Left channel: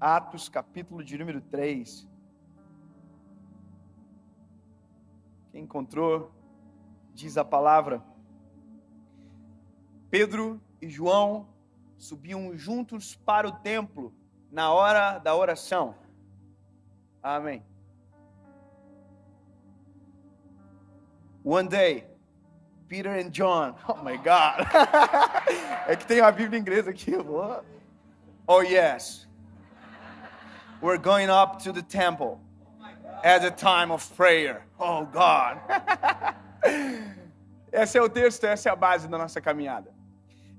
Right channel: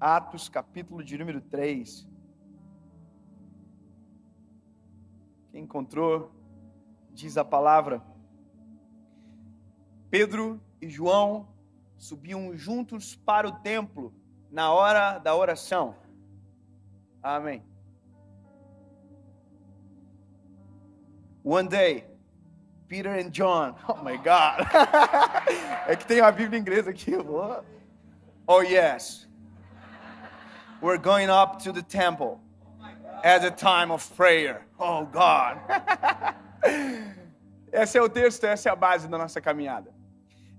Atos, capítulo de número 3. Quem encontrou, diz a palavra: Pedro e João subiam juntos para o templo na hora da oração. Amém. One day, Peter and John. Oh my God. É que tem uma Bíblia em inglês aqui. Oh yes. We're going up to the temple at a time of prayer. Oh God. Esse é o texto, essa é a base da nossa caminhada.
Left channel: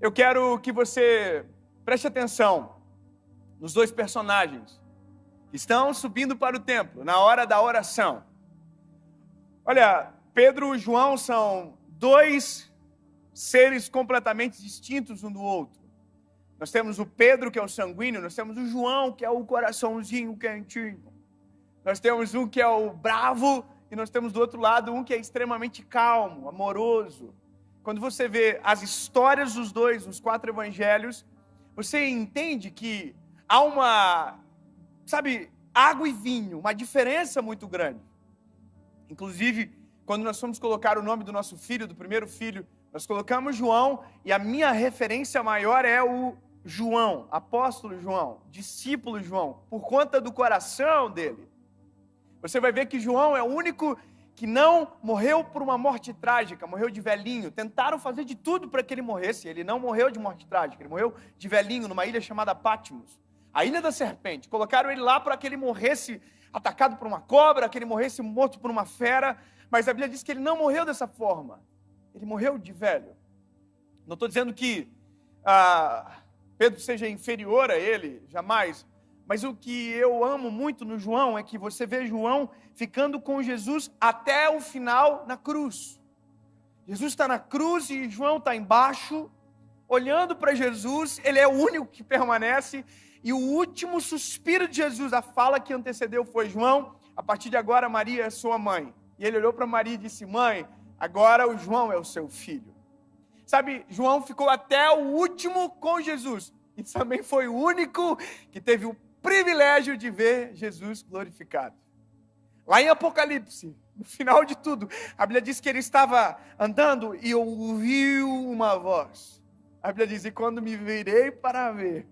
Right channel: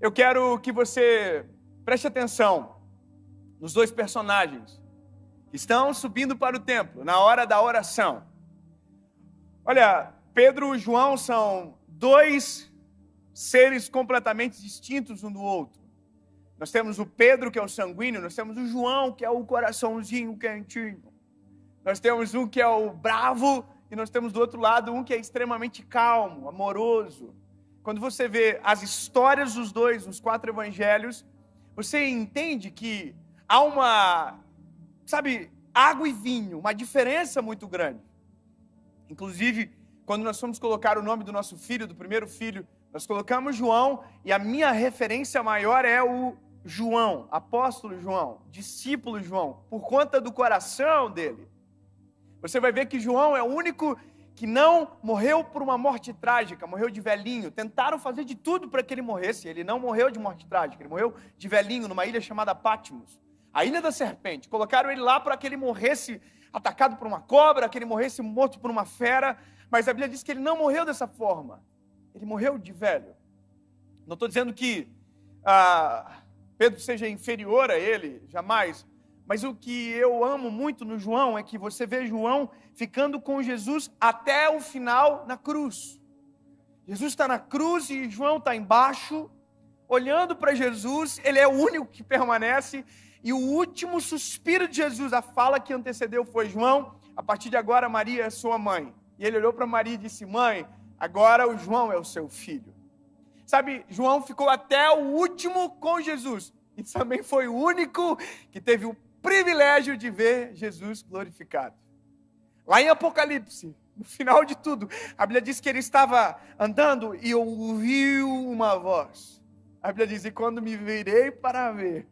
Eu quero que você preste atenção nos dois personagens que estão subindo para o templo na hora da oração. Olha, Pedro e João são dois seres completamente distintos um do outro. Nós temos o Pedro, que é o sanguíneo, nós temos o João, que é o coraçãozinho quentinho. Nós temos um que é o bravo, e nós temos do outro lado um que é extremamente calmo, amoroso. Quando você vê as histórias dos dois, nos 4 evangelhos, você entende que há uma, água e vinho, uma diferença muito grande. Inclusive, quando nós fomos colocar o nome do nosso filho, do primeiro filho, nós colocamos João, e a minha referência maior é o João, apóstolo João, discípulo João, por conta do coração dele. Você vai ver que João é o único que não morreu por uma morte trágica, morreu de velhinho. Tentaram fazer de tudo para que ele morresse, ele não morreu de morte trágica, ele morreu de velhinho numa ilha chamada Patmos, a ilha da serpente. Colocaram ele lá para que ele morresse atacado por uma cobra, que ele morresse morto por uma fera, mas a Bíblia diz que ele não morreu dessa forma, ele morreu de velho. Não estou dizendo que Pedro seja inferior a ele, jamais, mas o que eu amo muito no João é que você vê João ficando com Jesus até o final na cruz. Jesus está na cruz e João está embaixo, olhando para Jesus, ele é o único que permanece, e o último suspiro de Jesus, a fala que antecedeu foi: João, a partir de agora Maria é sua mãe. E ele olhou para Maria e disse: mãe, agora o João é o seu filho. João ficou até o último com Jesus, e também foi o único que teve o privilégio de ver Jesus glorificado. Lá em Apocalipse, no final de tudo, a Bíblia diz que ele estava andando e ouviu uma voz. A Bíblia diz: e quando me virei para ver,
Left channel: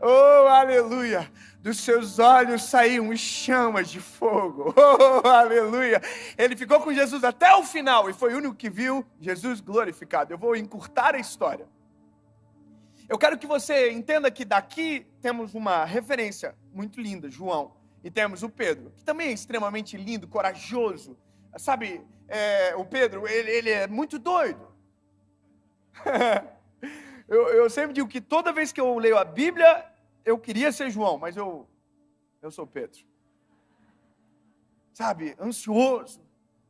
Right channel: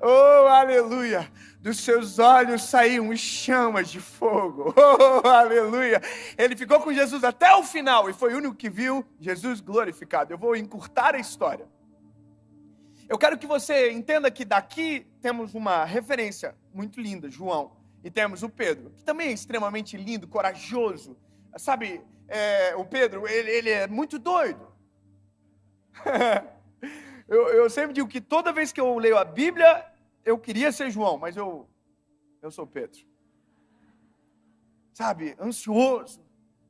oh, aleluia, dos seus olhos saíam chamas de fogo. Oh, aleluia. Ele ficou com Jesus até o final e foi o único que viu Jesus glorificado. Eu vou encurtar a história. Eu quero que você entenda que daqui temos uma referência muito linda, João, e temos o Pedro, que também é extremamente lindo, corajoso. O Pedro, ele é muito doido. Eu sempre digo que toda vez que eu leio a Bíblia, eu queria ser João, mas eu sou Pedro. Ansioso,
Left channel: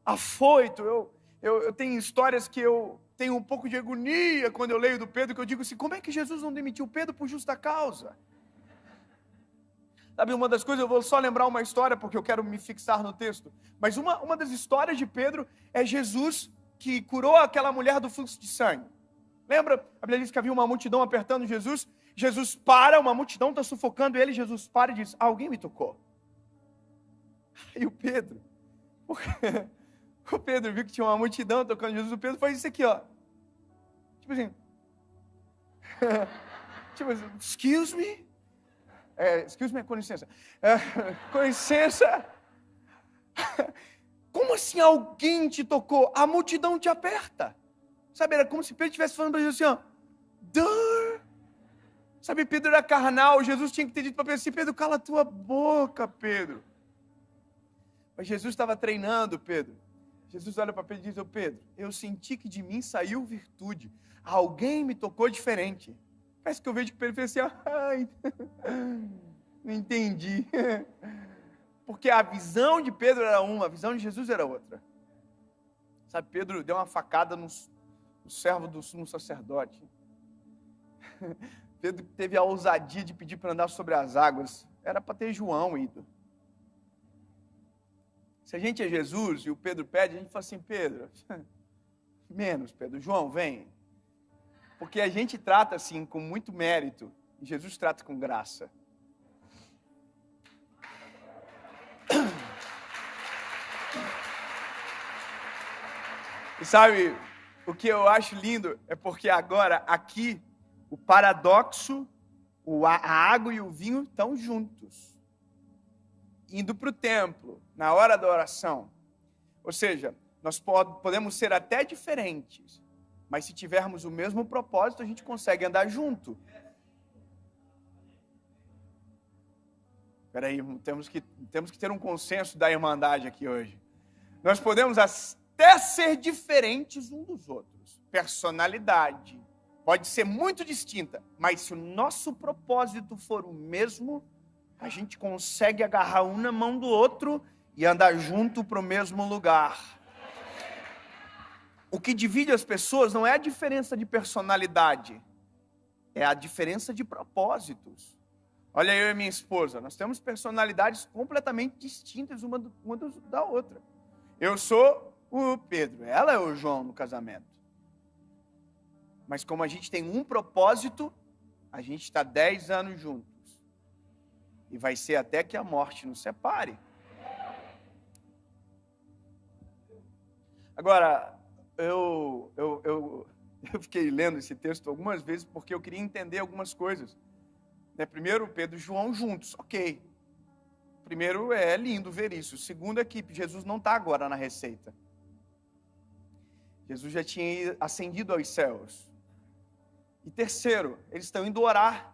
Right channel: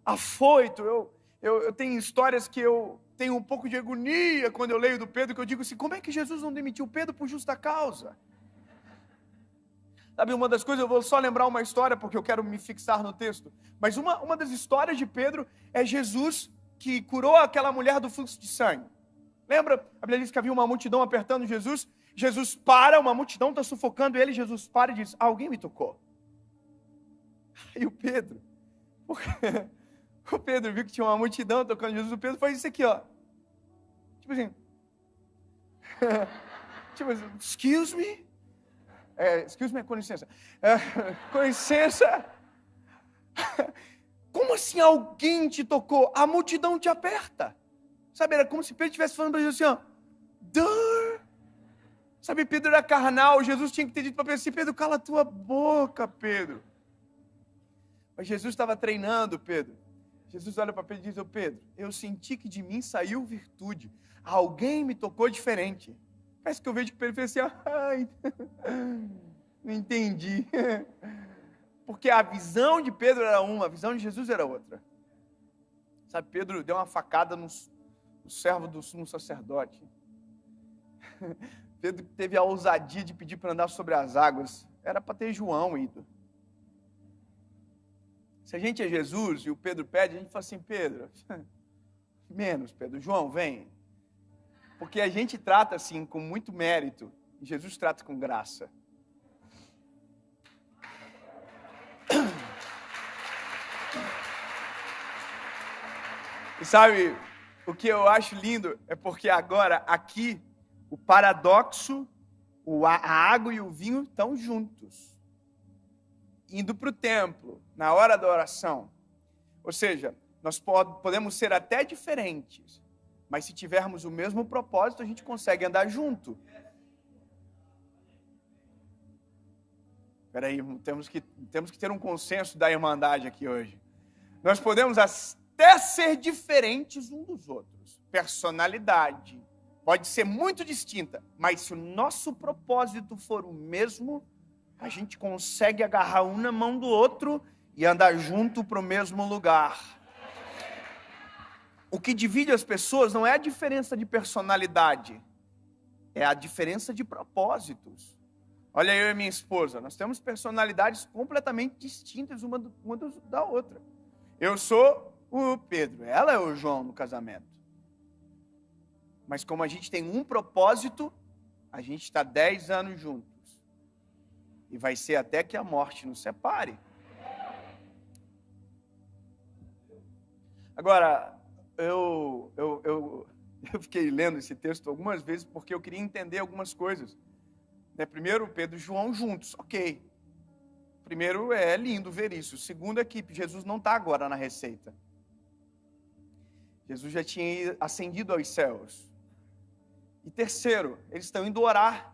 afoito. Eu tenho histórias que eu tenho um pouco de agonia quando eu leio do Pedro, que eu digo assim: como é que Jesus não demitiu Pedro por justa causa? Uma das coisas, eu vou só lembrar uma história, porque eu quero me fixar no texto, mas uma das histórias de Pedro é Jesus que curou aquela mulher do fluxo de sangue. Lembra? A Bíblia diz que havia uma multidão apertando Jesus. Jesus para, uma multidão está sufocando ele. Jesus para e diz: alguém me tocou. E o Pedro viu que tinha uma multidão tocando Jesus. O Pedro faz isso aqui, ó. Excuse me, com licença. Com licença. Como assim alguém te tocou? A multidão te aperta. Era como se Pedro estivesse falando para Jesus assim, ó. Pedro era carnal. Jesus tinha que ter dito para Pedro assim: Pedro, cala a tua boca, Pedro. Mas Jesus estava treinando Pedro. Jesus olha para Pedro e diz: ô Pedro, eu senti que de mim saiu virtude. Alguém me tocou diferente. Parece que eu vejo que Pedro fez assim: ai, não entendi. Porque a visão de Pedro era uma, a visão de Jesus era outra. Pedro deu uma facada no servo do sumo sacerdote. Pedro teve a ousadia de pedir para andar sobre as águas. Era para ter João ido. Se a gente é Jesus e o Pedro pede, a gente fala assim: Pedro, menos, Pedro, João, vem. Porque a gente trata assim, com muito mérito, Jesus trata com graça. E sabe, o que eu acho lindo é porque agora, aqui, o paradoxo, a água e o vinho estão juntos, indo para o templo, na hora da oração. Ou seja, nós podemos ser até diferentes, mas se tivermos o mesmo propósito, a gente consegue andar junto. Espera aí, temos que ter um consenso da irmandade aqui hoje. Nós podemos até ser diferentes uns dos outros. Personalidade pode ser muito distinta, mas se o nosso propósito for o mesmo, a gente consegue agarrar um na mão do outro e andar junto para o mesmo lugar. O que divide as pessoas não é a diferença de personalidade, é a diferença de propósitos. Olha, eu e minha esposa, nós temos personalidades completamente distintas uma da outra. Eu sou o Pedro, ela é o João no casamento. Mas como a gente tem um propósito, a gente está 10 anos juntos. E vai ser até que a morte nos separe. Agora, eu fiquei lendo esse texto algumas vezes porque eu queria entender algumas coisas. Primeiro, Pedro e João juntos, ok. Primeiro, é lindo ver isso. Segundo, é que Jesus não está agora na receita. Jesus já tinha ascendido aos céus. E terceiro, eles estão indo orar.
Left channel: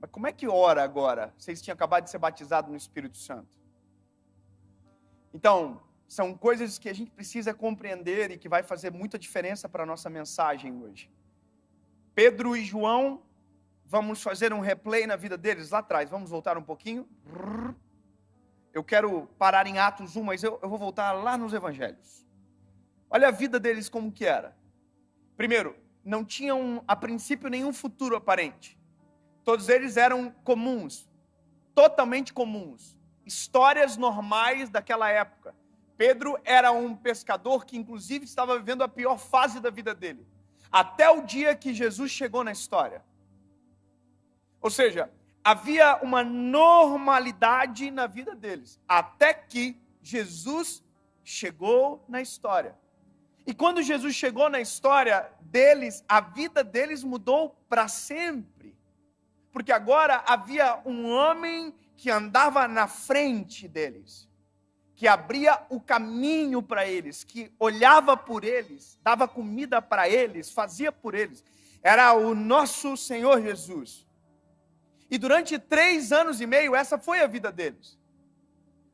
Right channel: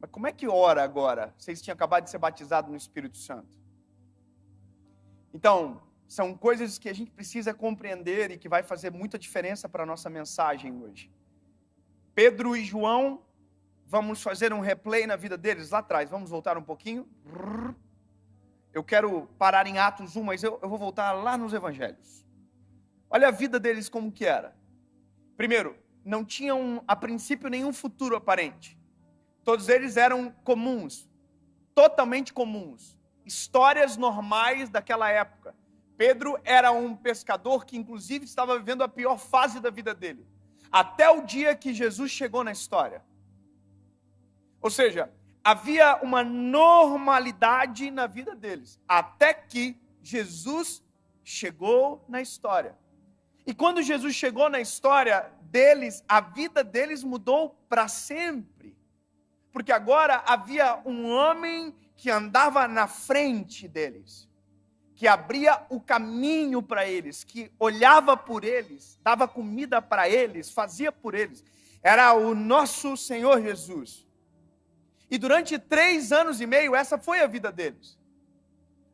Mas como é que ora agora? Vocês tinham acabado de ser batizados no Espírito Santo. Então, são coisas que a gente precisa compreender e que vai fazer muita diferença para a nossa mensagem hoje. Pedro e João, vamos fazer um replay na vida deles lá atrás. Vamos voltar um pouquinho. Eu quero parar em Atos 1, mas eu vou voltar lá nos Evangelhos. Olha a vida deles como que era. Primeiro, não tinham a princípio nenhum futuro aparente. Todos eles eram comuns, totalmente comuns. Histórias normais daquela época. Pedro era um pescador que inclusive estava vivendo a pior fase da vida dele. Até o dia que Jesus chegou na história. Ou seja, havia uma normalidade na vida deles, até que Jesus chegou na história. E quando Jesus chegou na história deles, a vida deles mudou para sempre. Porque agora havia um homem que andava na frente deles, que abria o caminho para eles, que olhava por eles, dava comida para eles, fazia por eles. Era o nosso Senhor Jesus. E durante 3 anos e meio, essa foi a vida deles.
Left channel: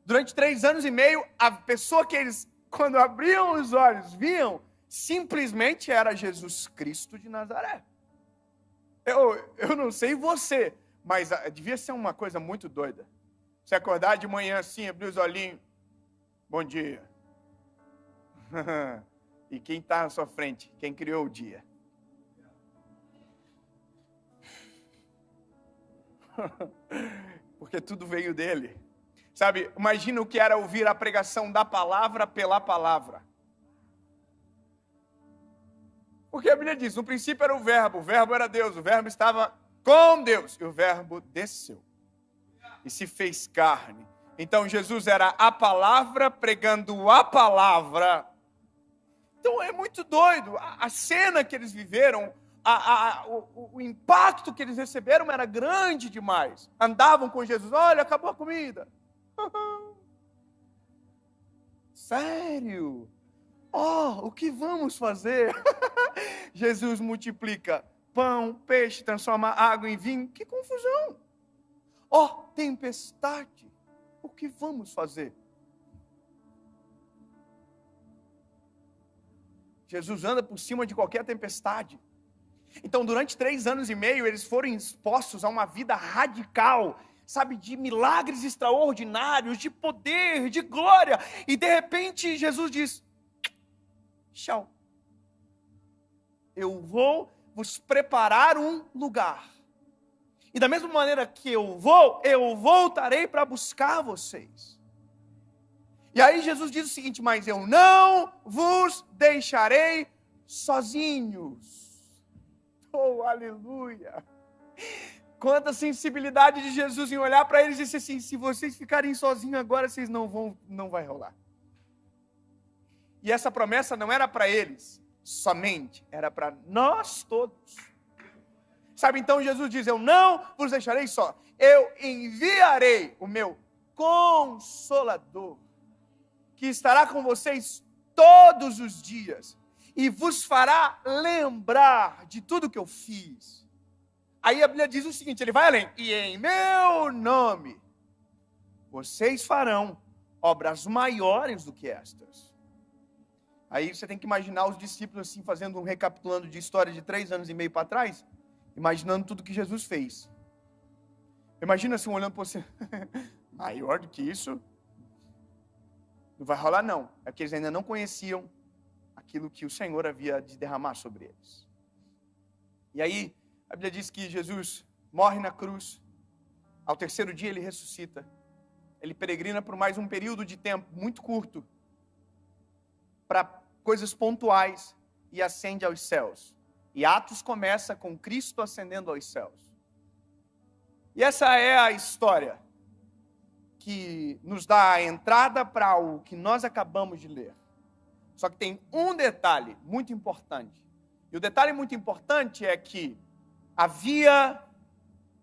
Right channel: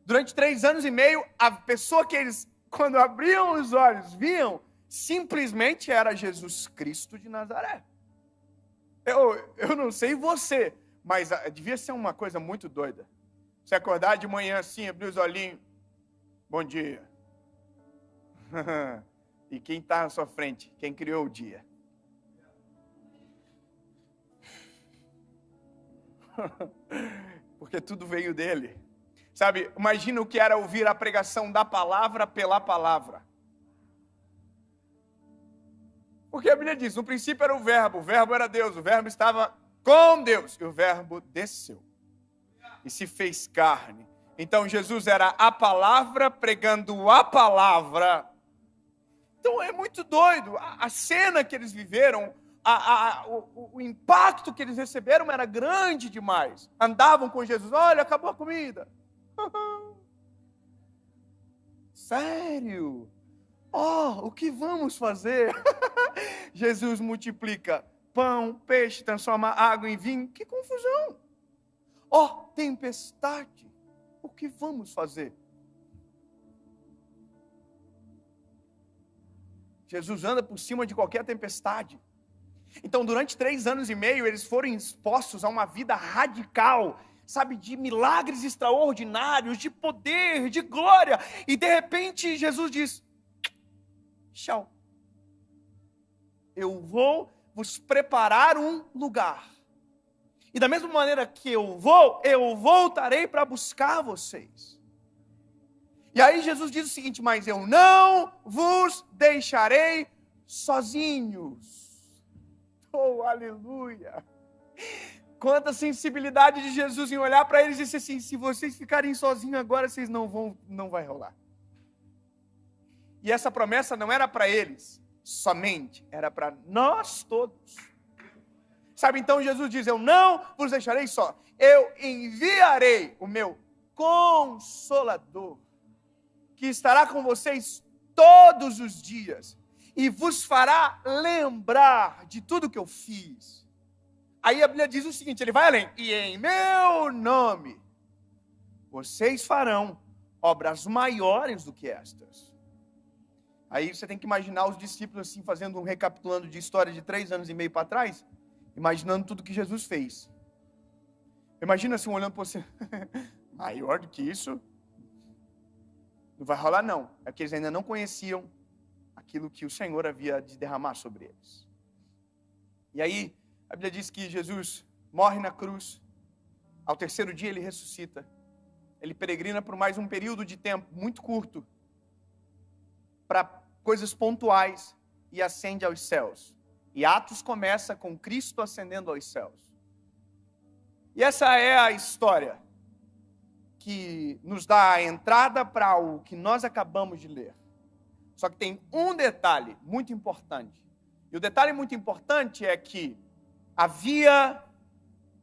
Durante 3 anos e meio, a pessoa que eles, quando abriam os olhos, viam, simplesmente era Jesus Cristo de Nazaré. Eu não sei você, mas devia ser uma coisa muito doida. Você acordar de manhã assim, abrir os olhinhos, bom dia. E quem está na sua frente? Quem criou o dia? Porque tudo veio dele. Sabe, imagina o que era ouvir a pregação da palavra pela palavra. Porque a Bíblia diz, no princípio era o verbo era Deus, o verbo estava com Deus, e o verbo desceu e se fez carne. Então Jesus era a palavra pregando a palavra. Então é muito doido, a cena que eles viveram, o impacto que eles receberam era grande demais. Andavam com Jesus, olha, acabou a comida. Sério? Oh, o que vamos fazer? Jesus multiplica pão, peixe, transforma água em vinho. Que confusão! Oh, tempestade! O que vamos fazer? Jesus anda por cima de qualquer tempestade. Então, durante 3 anos e meio, eles foram expostos a uma vida radical, sabe, de milagres extraordinários, de poder, de glória. E, de repente, Jesus diz, tchau. Eu vou vos preparar um lugar. E da mesma maneira que eu voltarei para buscar vocês. E aí Jesus diz o seguinte, mas eu não vos deixarei sozinhos. Oh, aleluia. quanta sensibilidade de Jesus em olhar para eles e dizer assim, se vocês ficarem sozinhos agora, vocês não vai rolar. E essa promessa não era para eles somente, era para nós todos. Sabe, então Jesus diz, eu não vos deixarei só, eu enviarei o meu Consolador, que estará com vocês todos os dias, e vos fará lembrar de tudo que eu fiz. Aí a Bíblia diz o seguinte, ele vai além, e em meu nome, vocês farão obras maiores do que estas. Aí você tem que imaginar os discípulos assim, fazendo um recapitulando de história de 3 anos e meio para trás, imaginando tudo que Jesus fez. Imagina assim, olhando para você, maior do que isso, não vai rolar não. É que eles ainda não conheciam aquilo que o Senhor havia de derramar sobre eles. E aí, a Bíblia diz que Jesus morre na cruz, ao 3º dia ele ressuscita, ele peregrina por mais um período de tempo muito curto, para coisas pontuais, e ascende aos céus. E Atos começa com Cristo ascendendo aos céus. E essa é a história que nos dá a entrada para o que nós acabamos de ler. Só que tem um detalhe muito importante. E o detalhe muito importante é que havia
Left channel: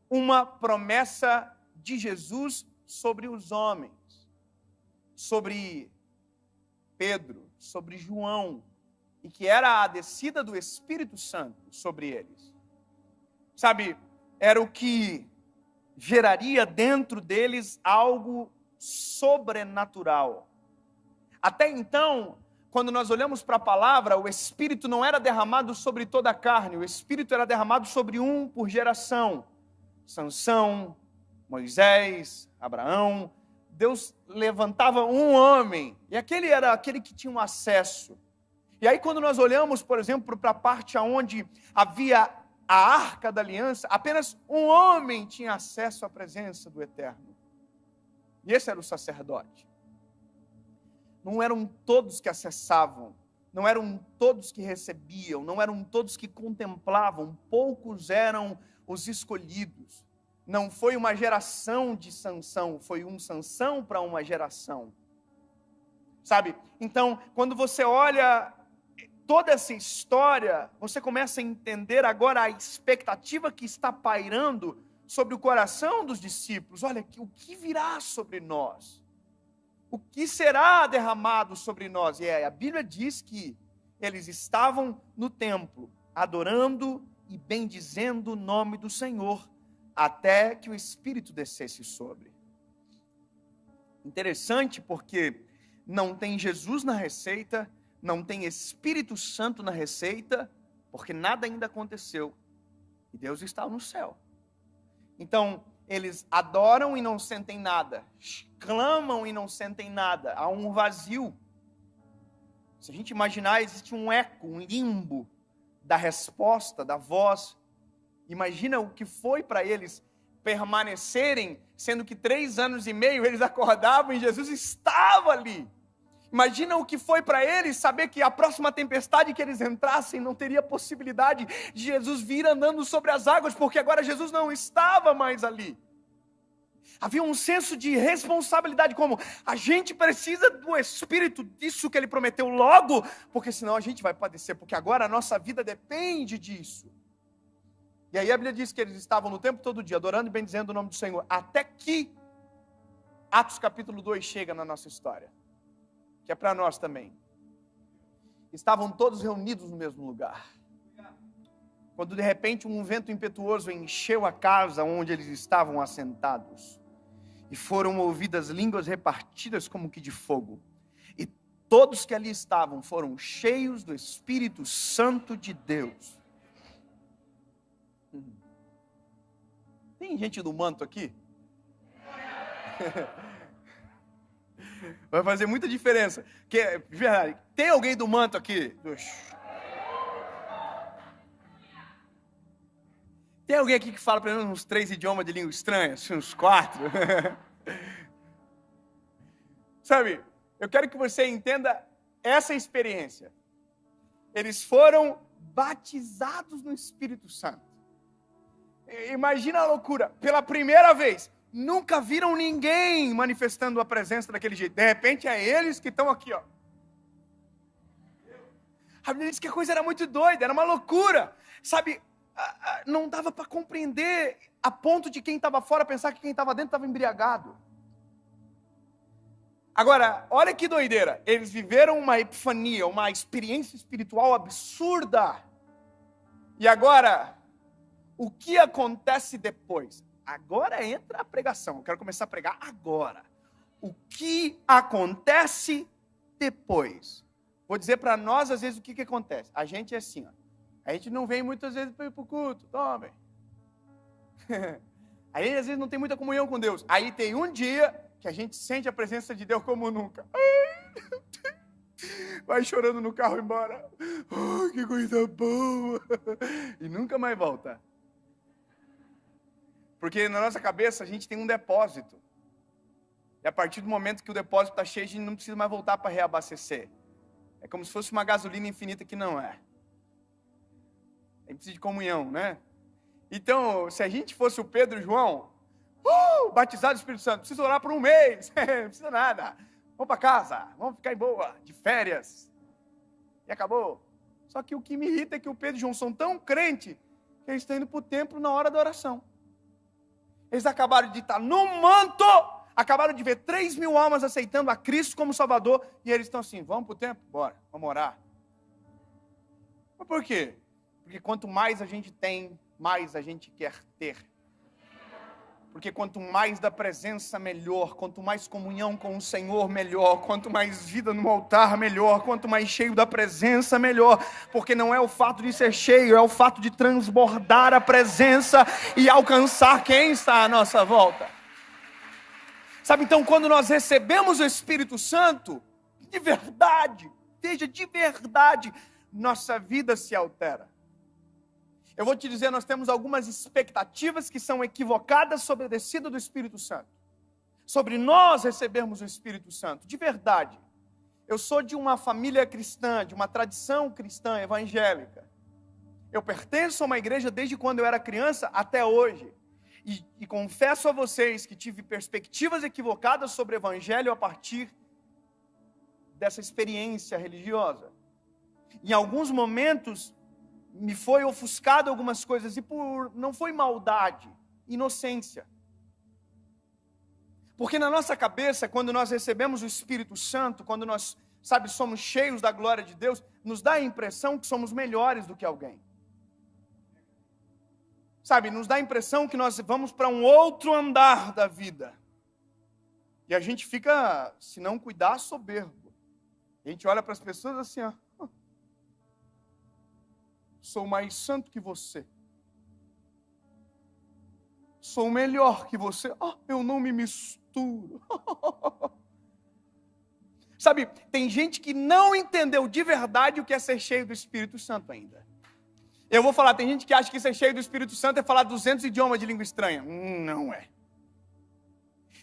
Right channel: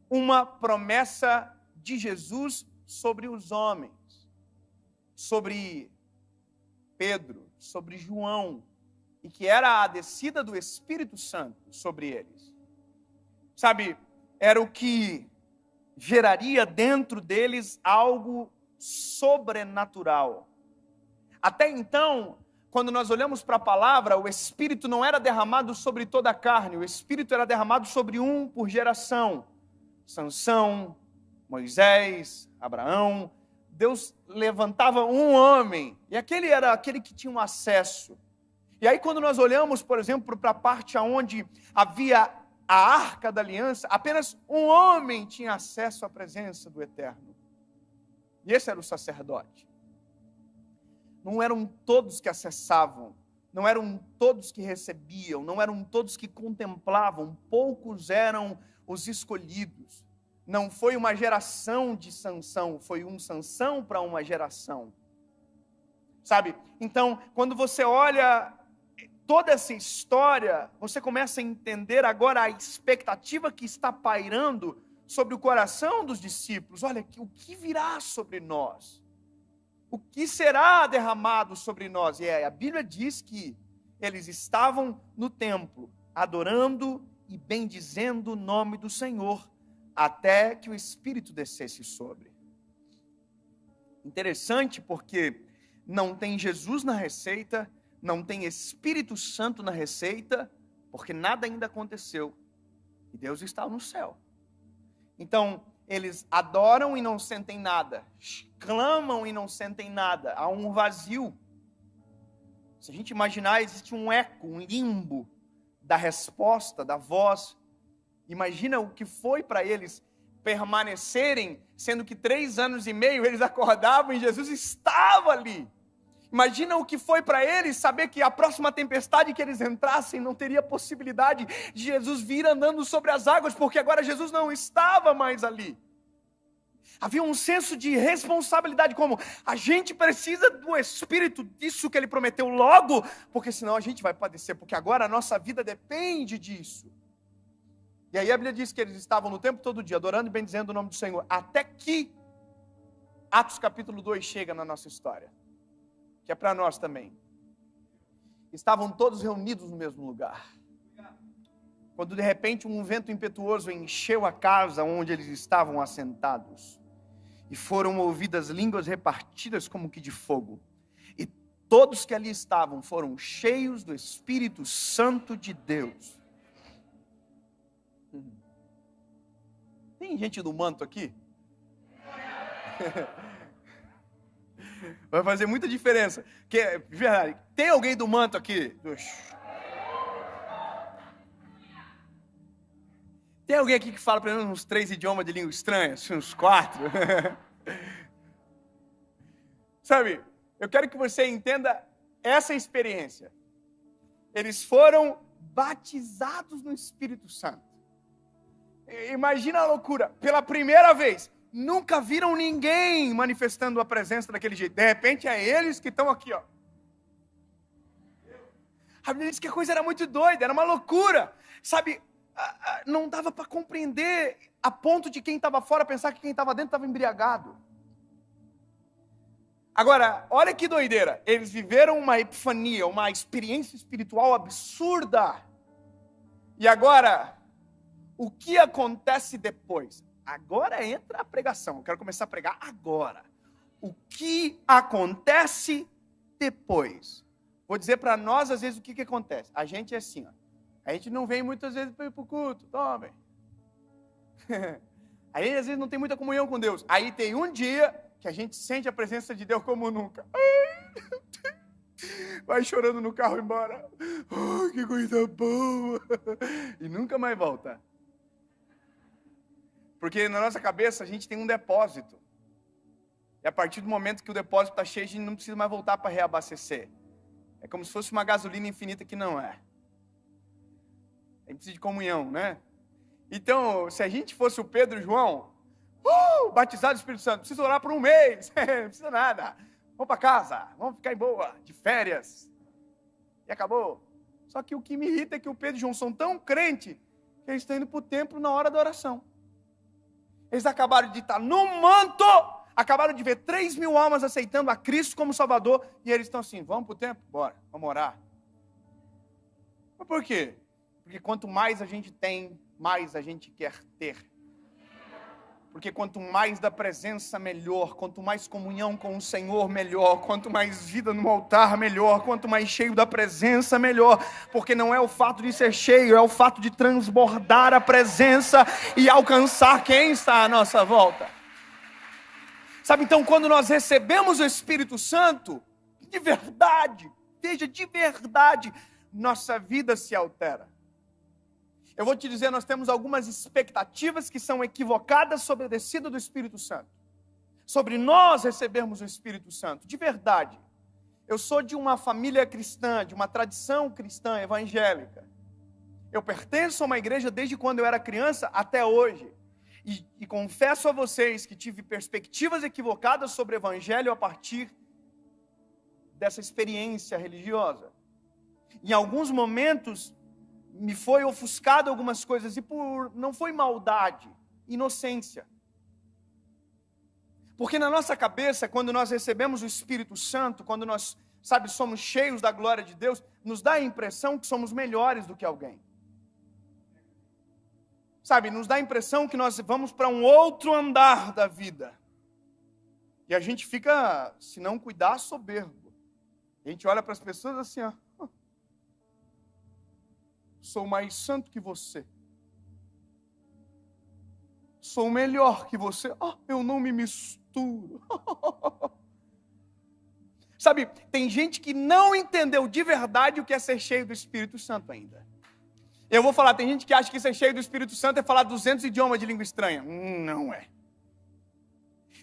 uma promessa de Jesus sobre os homens, sobre Pedro, sobre João, e que era a descida do Espírito Santo sobre eles. Sabe, era o que geraria dentro deles algo sobrenatural. Até então, quando nós olhamos para a palavra, o Espírito não era derramado sobre toda a carne, o Espírito era derramado sobre um por geração. Sansão, Moisés, Abraão. Deus levantava um homem, e aquele era aquele que tinha um acesso. E aí quando nós olhamos, por exemplo, para a parte onde havia a Arca da Aliança, apenas um homem tinha acesso à presença do Eterno. E esse era o sacerdote. Não eram todos que acessavam, não eram todos que recebiam, não eram todos que contemplavam, poucos eram os escolhidos. Não foi uma geração de Sansão, foi um Sansão para uma geração. Sabe? Então, quando você olha toda essa história, você começa a entender agora a expectativa que está pairando sobre o coração dos discípulos. Olha, o que virá sobre nós? O que será derramado sobre nós? E a Bíblia diz que eles estavam no templo, adorando e bendizendo o nome do Senhor, até que o Espírito descesse sobre. Interessante porque não tem Jesus na receita, não tem Espírito Santo na receita, porque nada ainda aconteceu. E Deus está no céu. Então, eles adoram e não sentem nada, clamam e não sentem nada, há um vazio. Se a gente imaginar, existe um eco, um limbo da resposta, da voz. Imagina o que foi para eles permanecerem, sendo que 3 anos e meio eles acordavam e Jesus estava ali. Imagina o que foi para eles saber que a próxima tempestade que eles entrassem não teria possibilidade de Jesus vir andando sobre as águas, porque agora Jesus não estava mais ali. Havia um senso de responsabilidade, como a gente precisa do Espírito, disso que Ele prometeu logo, porque senão a gente vai padecer, porque agora a nossa vida depende disso. E aí a Bíblia diz que eles estavam no tempo todo dia, adorando e bendizendo o nome do Senhor, até que Atos capítulo 2 chega na nossa história, que é para nós também. Estavam todos reunidos no mesmo lugar. Quando de repente um vento impetuoso encheu a casa onde eles estavam assentados, e foram ouvidas línguas repartidas como que de fogo. E todos que ali estavam foram cheios do Espírito Santo de Deus. Tem gente do manto aqui? Vai fazer muita diferença. Tem alguém do manto aqui? Tem alguém aqui que fala pelo menos uns 3 idiomas de língua estranha? Uns 4? Sabe, eu quero que você entenda essa experiência. Eles foram batizados no Espírito Santo. Imagina a loucura. Pela primeira vez, nunca viram ninguém manifestando a presença daquele jeito. De repente, é eles que estão aqui, ó. A Bíblia diz que a coisa era muito doida, era uma loucura. Sabe, não dava para compreender a ponto de quem estava fora pensar que quem estava dentro estava embriagado. Agora, olha que doideira. Eles viveram uma epifania, uma experiência espiritual absurda. E agora, o que acontece depois? Agora entra a pregação. Eu quero começar a pregar agora. O que acontece depois? Vou dizer para nós, às vezes, o que acontece. A gente é assim, ó. A gente não vem muitas vezes para ir para o culto. Tome. Aí, às vezes, não tem muita comunhão com Deus. Aí tem um dia que a gente sente a presença de Deus como nunca. Vai chorando no carro embora. Oh, que coisa boa. E nunca mais volta. Porque na nossa cabeça a gente tem um depósito. E a partir do momento que o depósito está cheio, a gente não precisa mais voltar para reabastecer. É como se fosse uma gasolina infinita que não é. A gente precisa de comunhão, né? Então, se a gente fosse o Pedro e o João, batizado do Espírito Santo, precisa orar por um mês, não precisa nada. Vamos para casa, vamos ficar em boa, de férias. E acabou. Só que o que me irrita é que o Pedro e o João são tão crentes que eles estão indo para o templo na hora da oração. Eles acabaram de estar no manto, acabaram de ver 3.000 almas aceitando a Cristo como Salvador, e eles estão assim, vamos para o templo? Bora, vamos orar. Mas por quê? Porque quanto mais a gente tem, mais a gente quer ter. Porque quanto mais da presença, melhor. Quanto mais comunhão com o Senhor, melhor. Quanto mais vida no altar, melhor. Quanto mais cheio da presença, melhor. Porque não é o fato de ser cheio, é o fato de transbordar a presença e alcançar quem está à nossa volta. Sabe, então, quando nós recebemos o Espírito Santo, de verdade, veja, de verdade, nossa vida se altera. Eu vou te dizer, nós temos algumas expectativas que são equivocadas sobre a descida do Espírito Santo. Sobre nós recebermos o Espírito Santo, de verdade. Eu sou de uma família cristã, de uma tradição cristã evangélica. Eu pertenço a uma igreja desde quando eu era criança até hoje. E confesso a vocês que tive perspectivas equivocadas sobre o evangelho a partir dessa experiência religiosa. Em alguns momentos, me foi ofuscado algumas coisas, e não foi maldade, inocência. Porque na nossa cabeça, quando nós recebemos o Espírito Santo, quando nós, somos cheios da glória de Deus, nos dá a impressão que somos melhores do que alguém. Nos dá a impressão que nós vamos para um outro andar da vida. E a gente fica, se não cuidar, soberbo. A gente olha para as pessoas assim, ó. Sou mais santo que você. Sou melhor que você. Eu não me misturo. Tem gente que não entendeu de verdade o que é ser cheio do Espírito Santo ainda. Eu vou falar, tem gente que acha que ser cheio do Espírito Santo é falar 200 idiomas de língua estranha. Não é.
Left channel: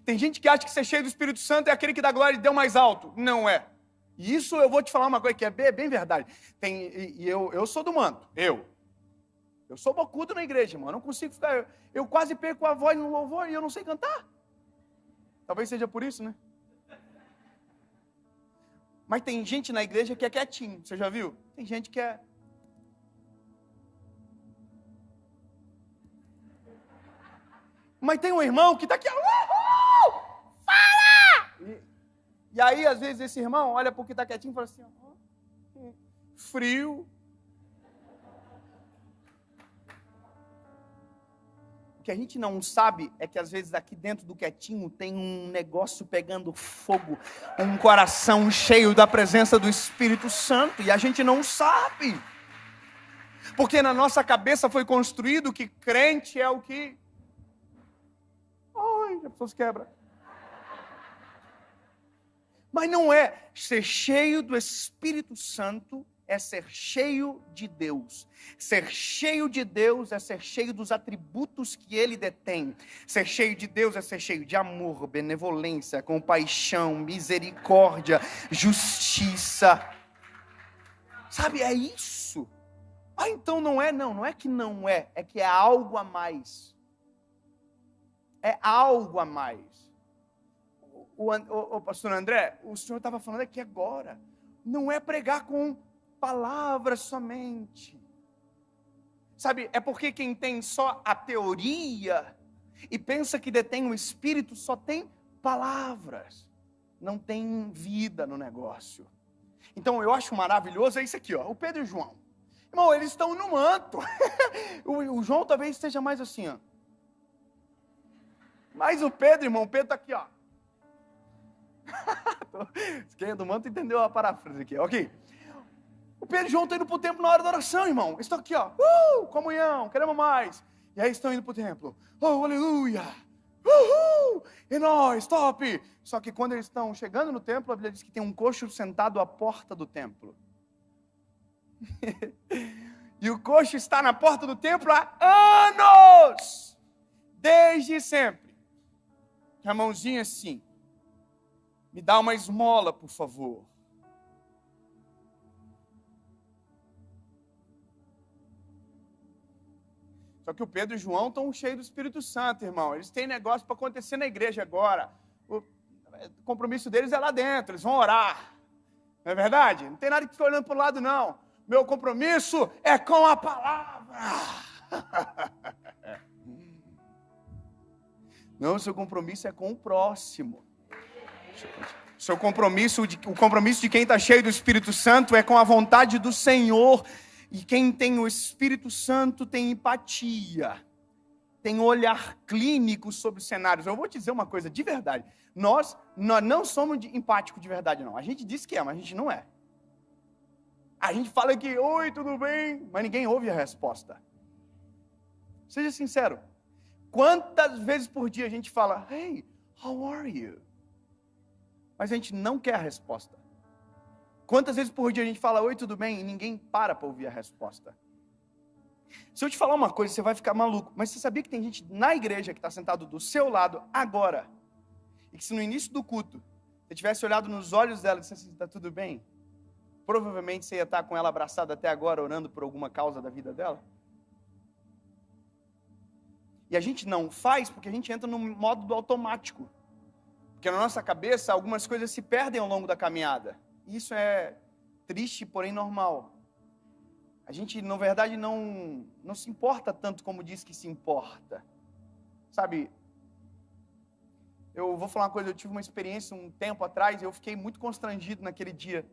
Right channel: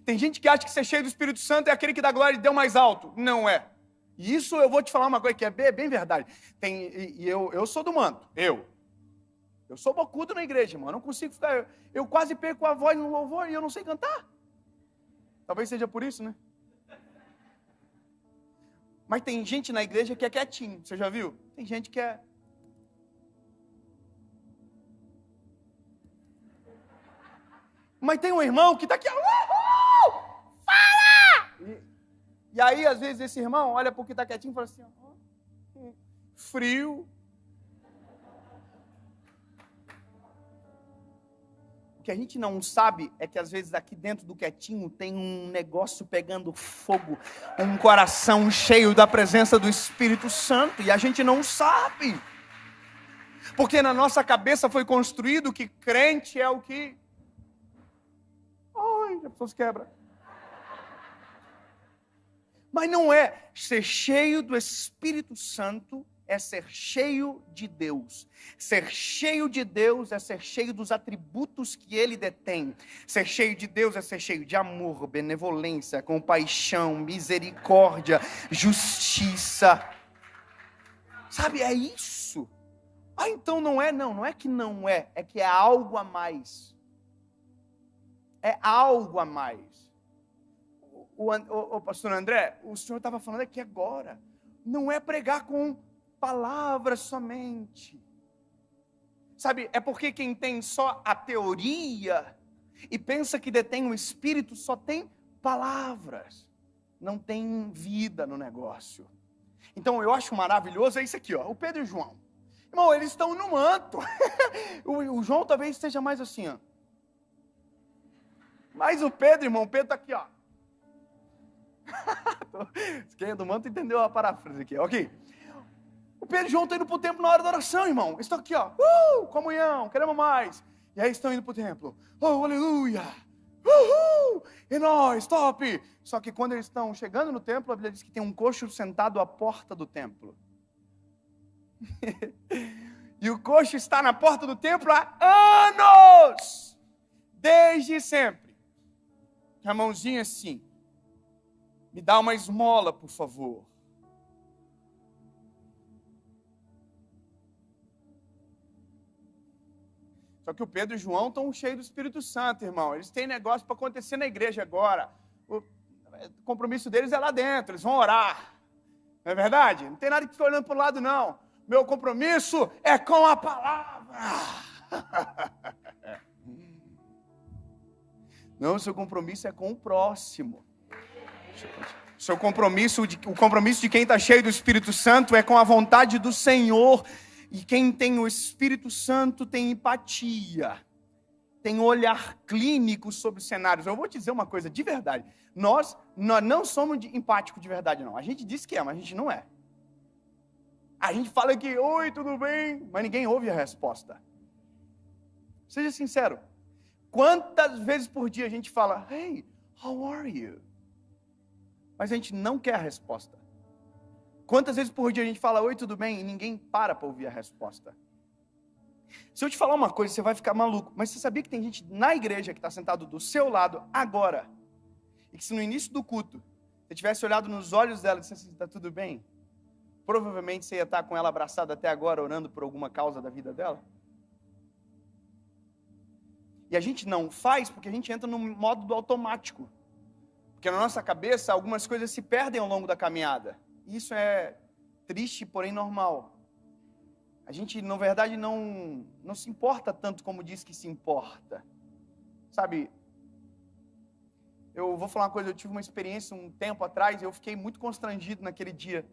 Tem gente que acha que ser cheio do Espírito Santo é aquele que dá glória e deu mais alto. Não é. E isso eu vou te falar uma coisa que é bem verdade. Eu sou do manto. Eu sou bocudo na igreja, mano. Eu não consigo ficar. Eu quase perco a voz no louvor e eu não sei cantar. Talvez seja por isso, né? Mas tem gente na igreja que é quietinho. Você já viu? Tem gente que é. Mas tem um irmão que está aqui. Fala! E aí, às vezes, esse irmão olha para o que está quietinho e fala assim, frio. O que a gente não sabe é que, às vezes, aqui dentro do quietinho tem um negócio pegando fogo, um coração cheio da presença do Espírito Santo, e a gente não sabe. Porque na nossa cabeça foi construído que crente é o que... Ai, as pessoas quebram. Mas não é. Ser cheio do Espírito Santo é ser cheio de Deus. Ser cheio de Deus é ser cheio dos atributos que Ele detém. Ser cheio de Deus é ser cheio de amor, benevolência, compaixão, misericórdia, justiça. É isso. Ah, então não é? Não é que não é, é que é algo a mais. É algo a mais. O pastor André, o senhor estava falando aqui agora, não é pregar com palavras somente. Sabe, é porque quem tem só a teoria e pensa que detém o Espírito só tem palavras, não tem vida no negócio. Então eu acho maravilhoso, é isso aqui, ó, o Pedro e o João. Irmão, eles estão no manto. o João talvez esteja mais assim, ó. Mas o Pedro, irmão, o Pedro está aqui, ó. Quem é do manto entendeu a paráfrase aqui, ok? O Pedro e o João estão indo para o templo na hora da oração, irmão. Eles estão aqui, ó. Comunhão, queremos mais. E aí estão indo para o templo. Oh, aleluia. E nós, top. Só que quando eles estão chegando no templo, a Bíblia diz que tem um coxo sentado à porta do templo. E o coxo está na porta do templo há anos. Desde sempre. Com a mãozinha assim. Me dá uma esmola, por favor. Só que o Pedro e o João estão cheios do Espírito Santo, irmão. Eles têm negócio para acontecer na igreja agora. O compromisso deles é lá dentro, eles vão orar. Não é verdade? Não tem nada que ficar olhando para o lado, não. Meu compromisso é com a palavra. Não, seu compromisso é com o próximo. O compromisso de quem está cheio do Espírito Santo é com a vontade do Senhor. E quem tem o Espírito Santo tem empatia, tem olhar clínico sobre os cenários. Eu vou te dizer uma coisa de verdade. Nós não somos empáticos de verdade, não. A gente diz que é, mas a gente não é. A gente fala que, oi, tudo bem? Mas ninguém ouve a resposta. Seja sincero. Quantas vezes por dia a gente fala, hey, how are you? Mas a gente não quer a resposta. Quantas vezes por dia a gente fala, oi, tudo bem? E ninguém para ouvir a resposta. Se eu te falar uma coisa, você vai ficar maluco. Mas você sabia que tem gente na igreja que está sentado do seu lado agora? E que se no início do culto, você tivesse olhado nos olhos dela e dissesse, está tudo bem? Provavelmente você ia estar com ela abraçada até agora, orando por alguma causa da vida dela. E a gente não faz porque a gente entra no modo do automático. Porque na nossa cabeça, algumas coisas se perdem ao longo da caminhada. Isso é triste, porém normal. A gente, na verdade, não se importa tanto como diz que se importa. Sabe, eu vou falar uma coisa, eu tive uma experiência um tempo atrás, e eu fiquei muito constrangido naquele dia.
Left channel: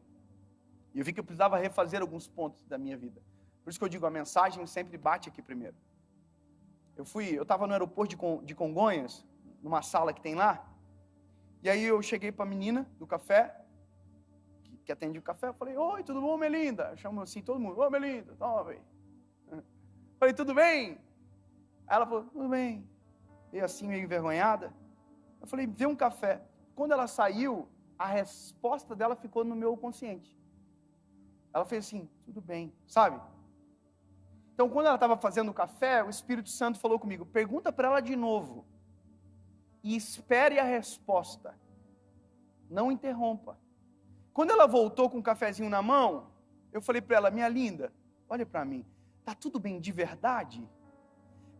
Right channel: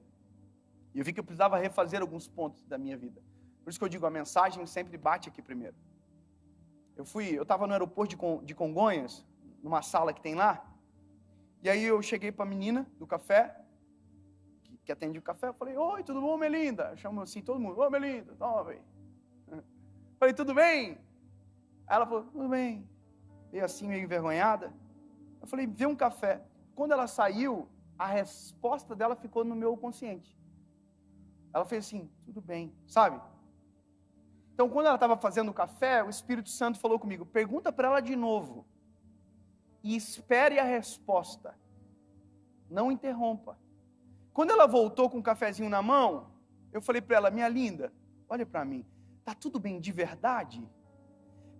E eu vi que eu precisava refazer alguns pontos da minha vida. Por isso que eu digo, a mensagem sempre bate aqui primeiro. Eu estava no aeroporto de Congonhas, numa sala que tem lá, e aí eu cheguei para a menina do café, que atende o café, eu falei, oi, tudo bom, Melinda? Eu chamo assim, todo mundo, oi, Melinda, toma, velho. Falei, tudo bem? Ela falou, tudo bem. E assim, meio envergonhada. Eu falei, vê um café. Quando ela saiu, a resposta dela ficou no meu consciente. Ela fez assim, tudo bem, sabe? Então, quando ela estava fazendo o café, o Espírito Santo falou comigo, pergunta para ela de novo. E espere a resposta. Não interrompa. Quando ela voltou com um cafezinho na mão, eu falei para ela, minha linda, olha para mim, tá tudo bem de verdade?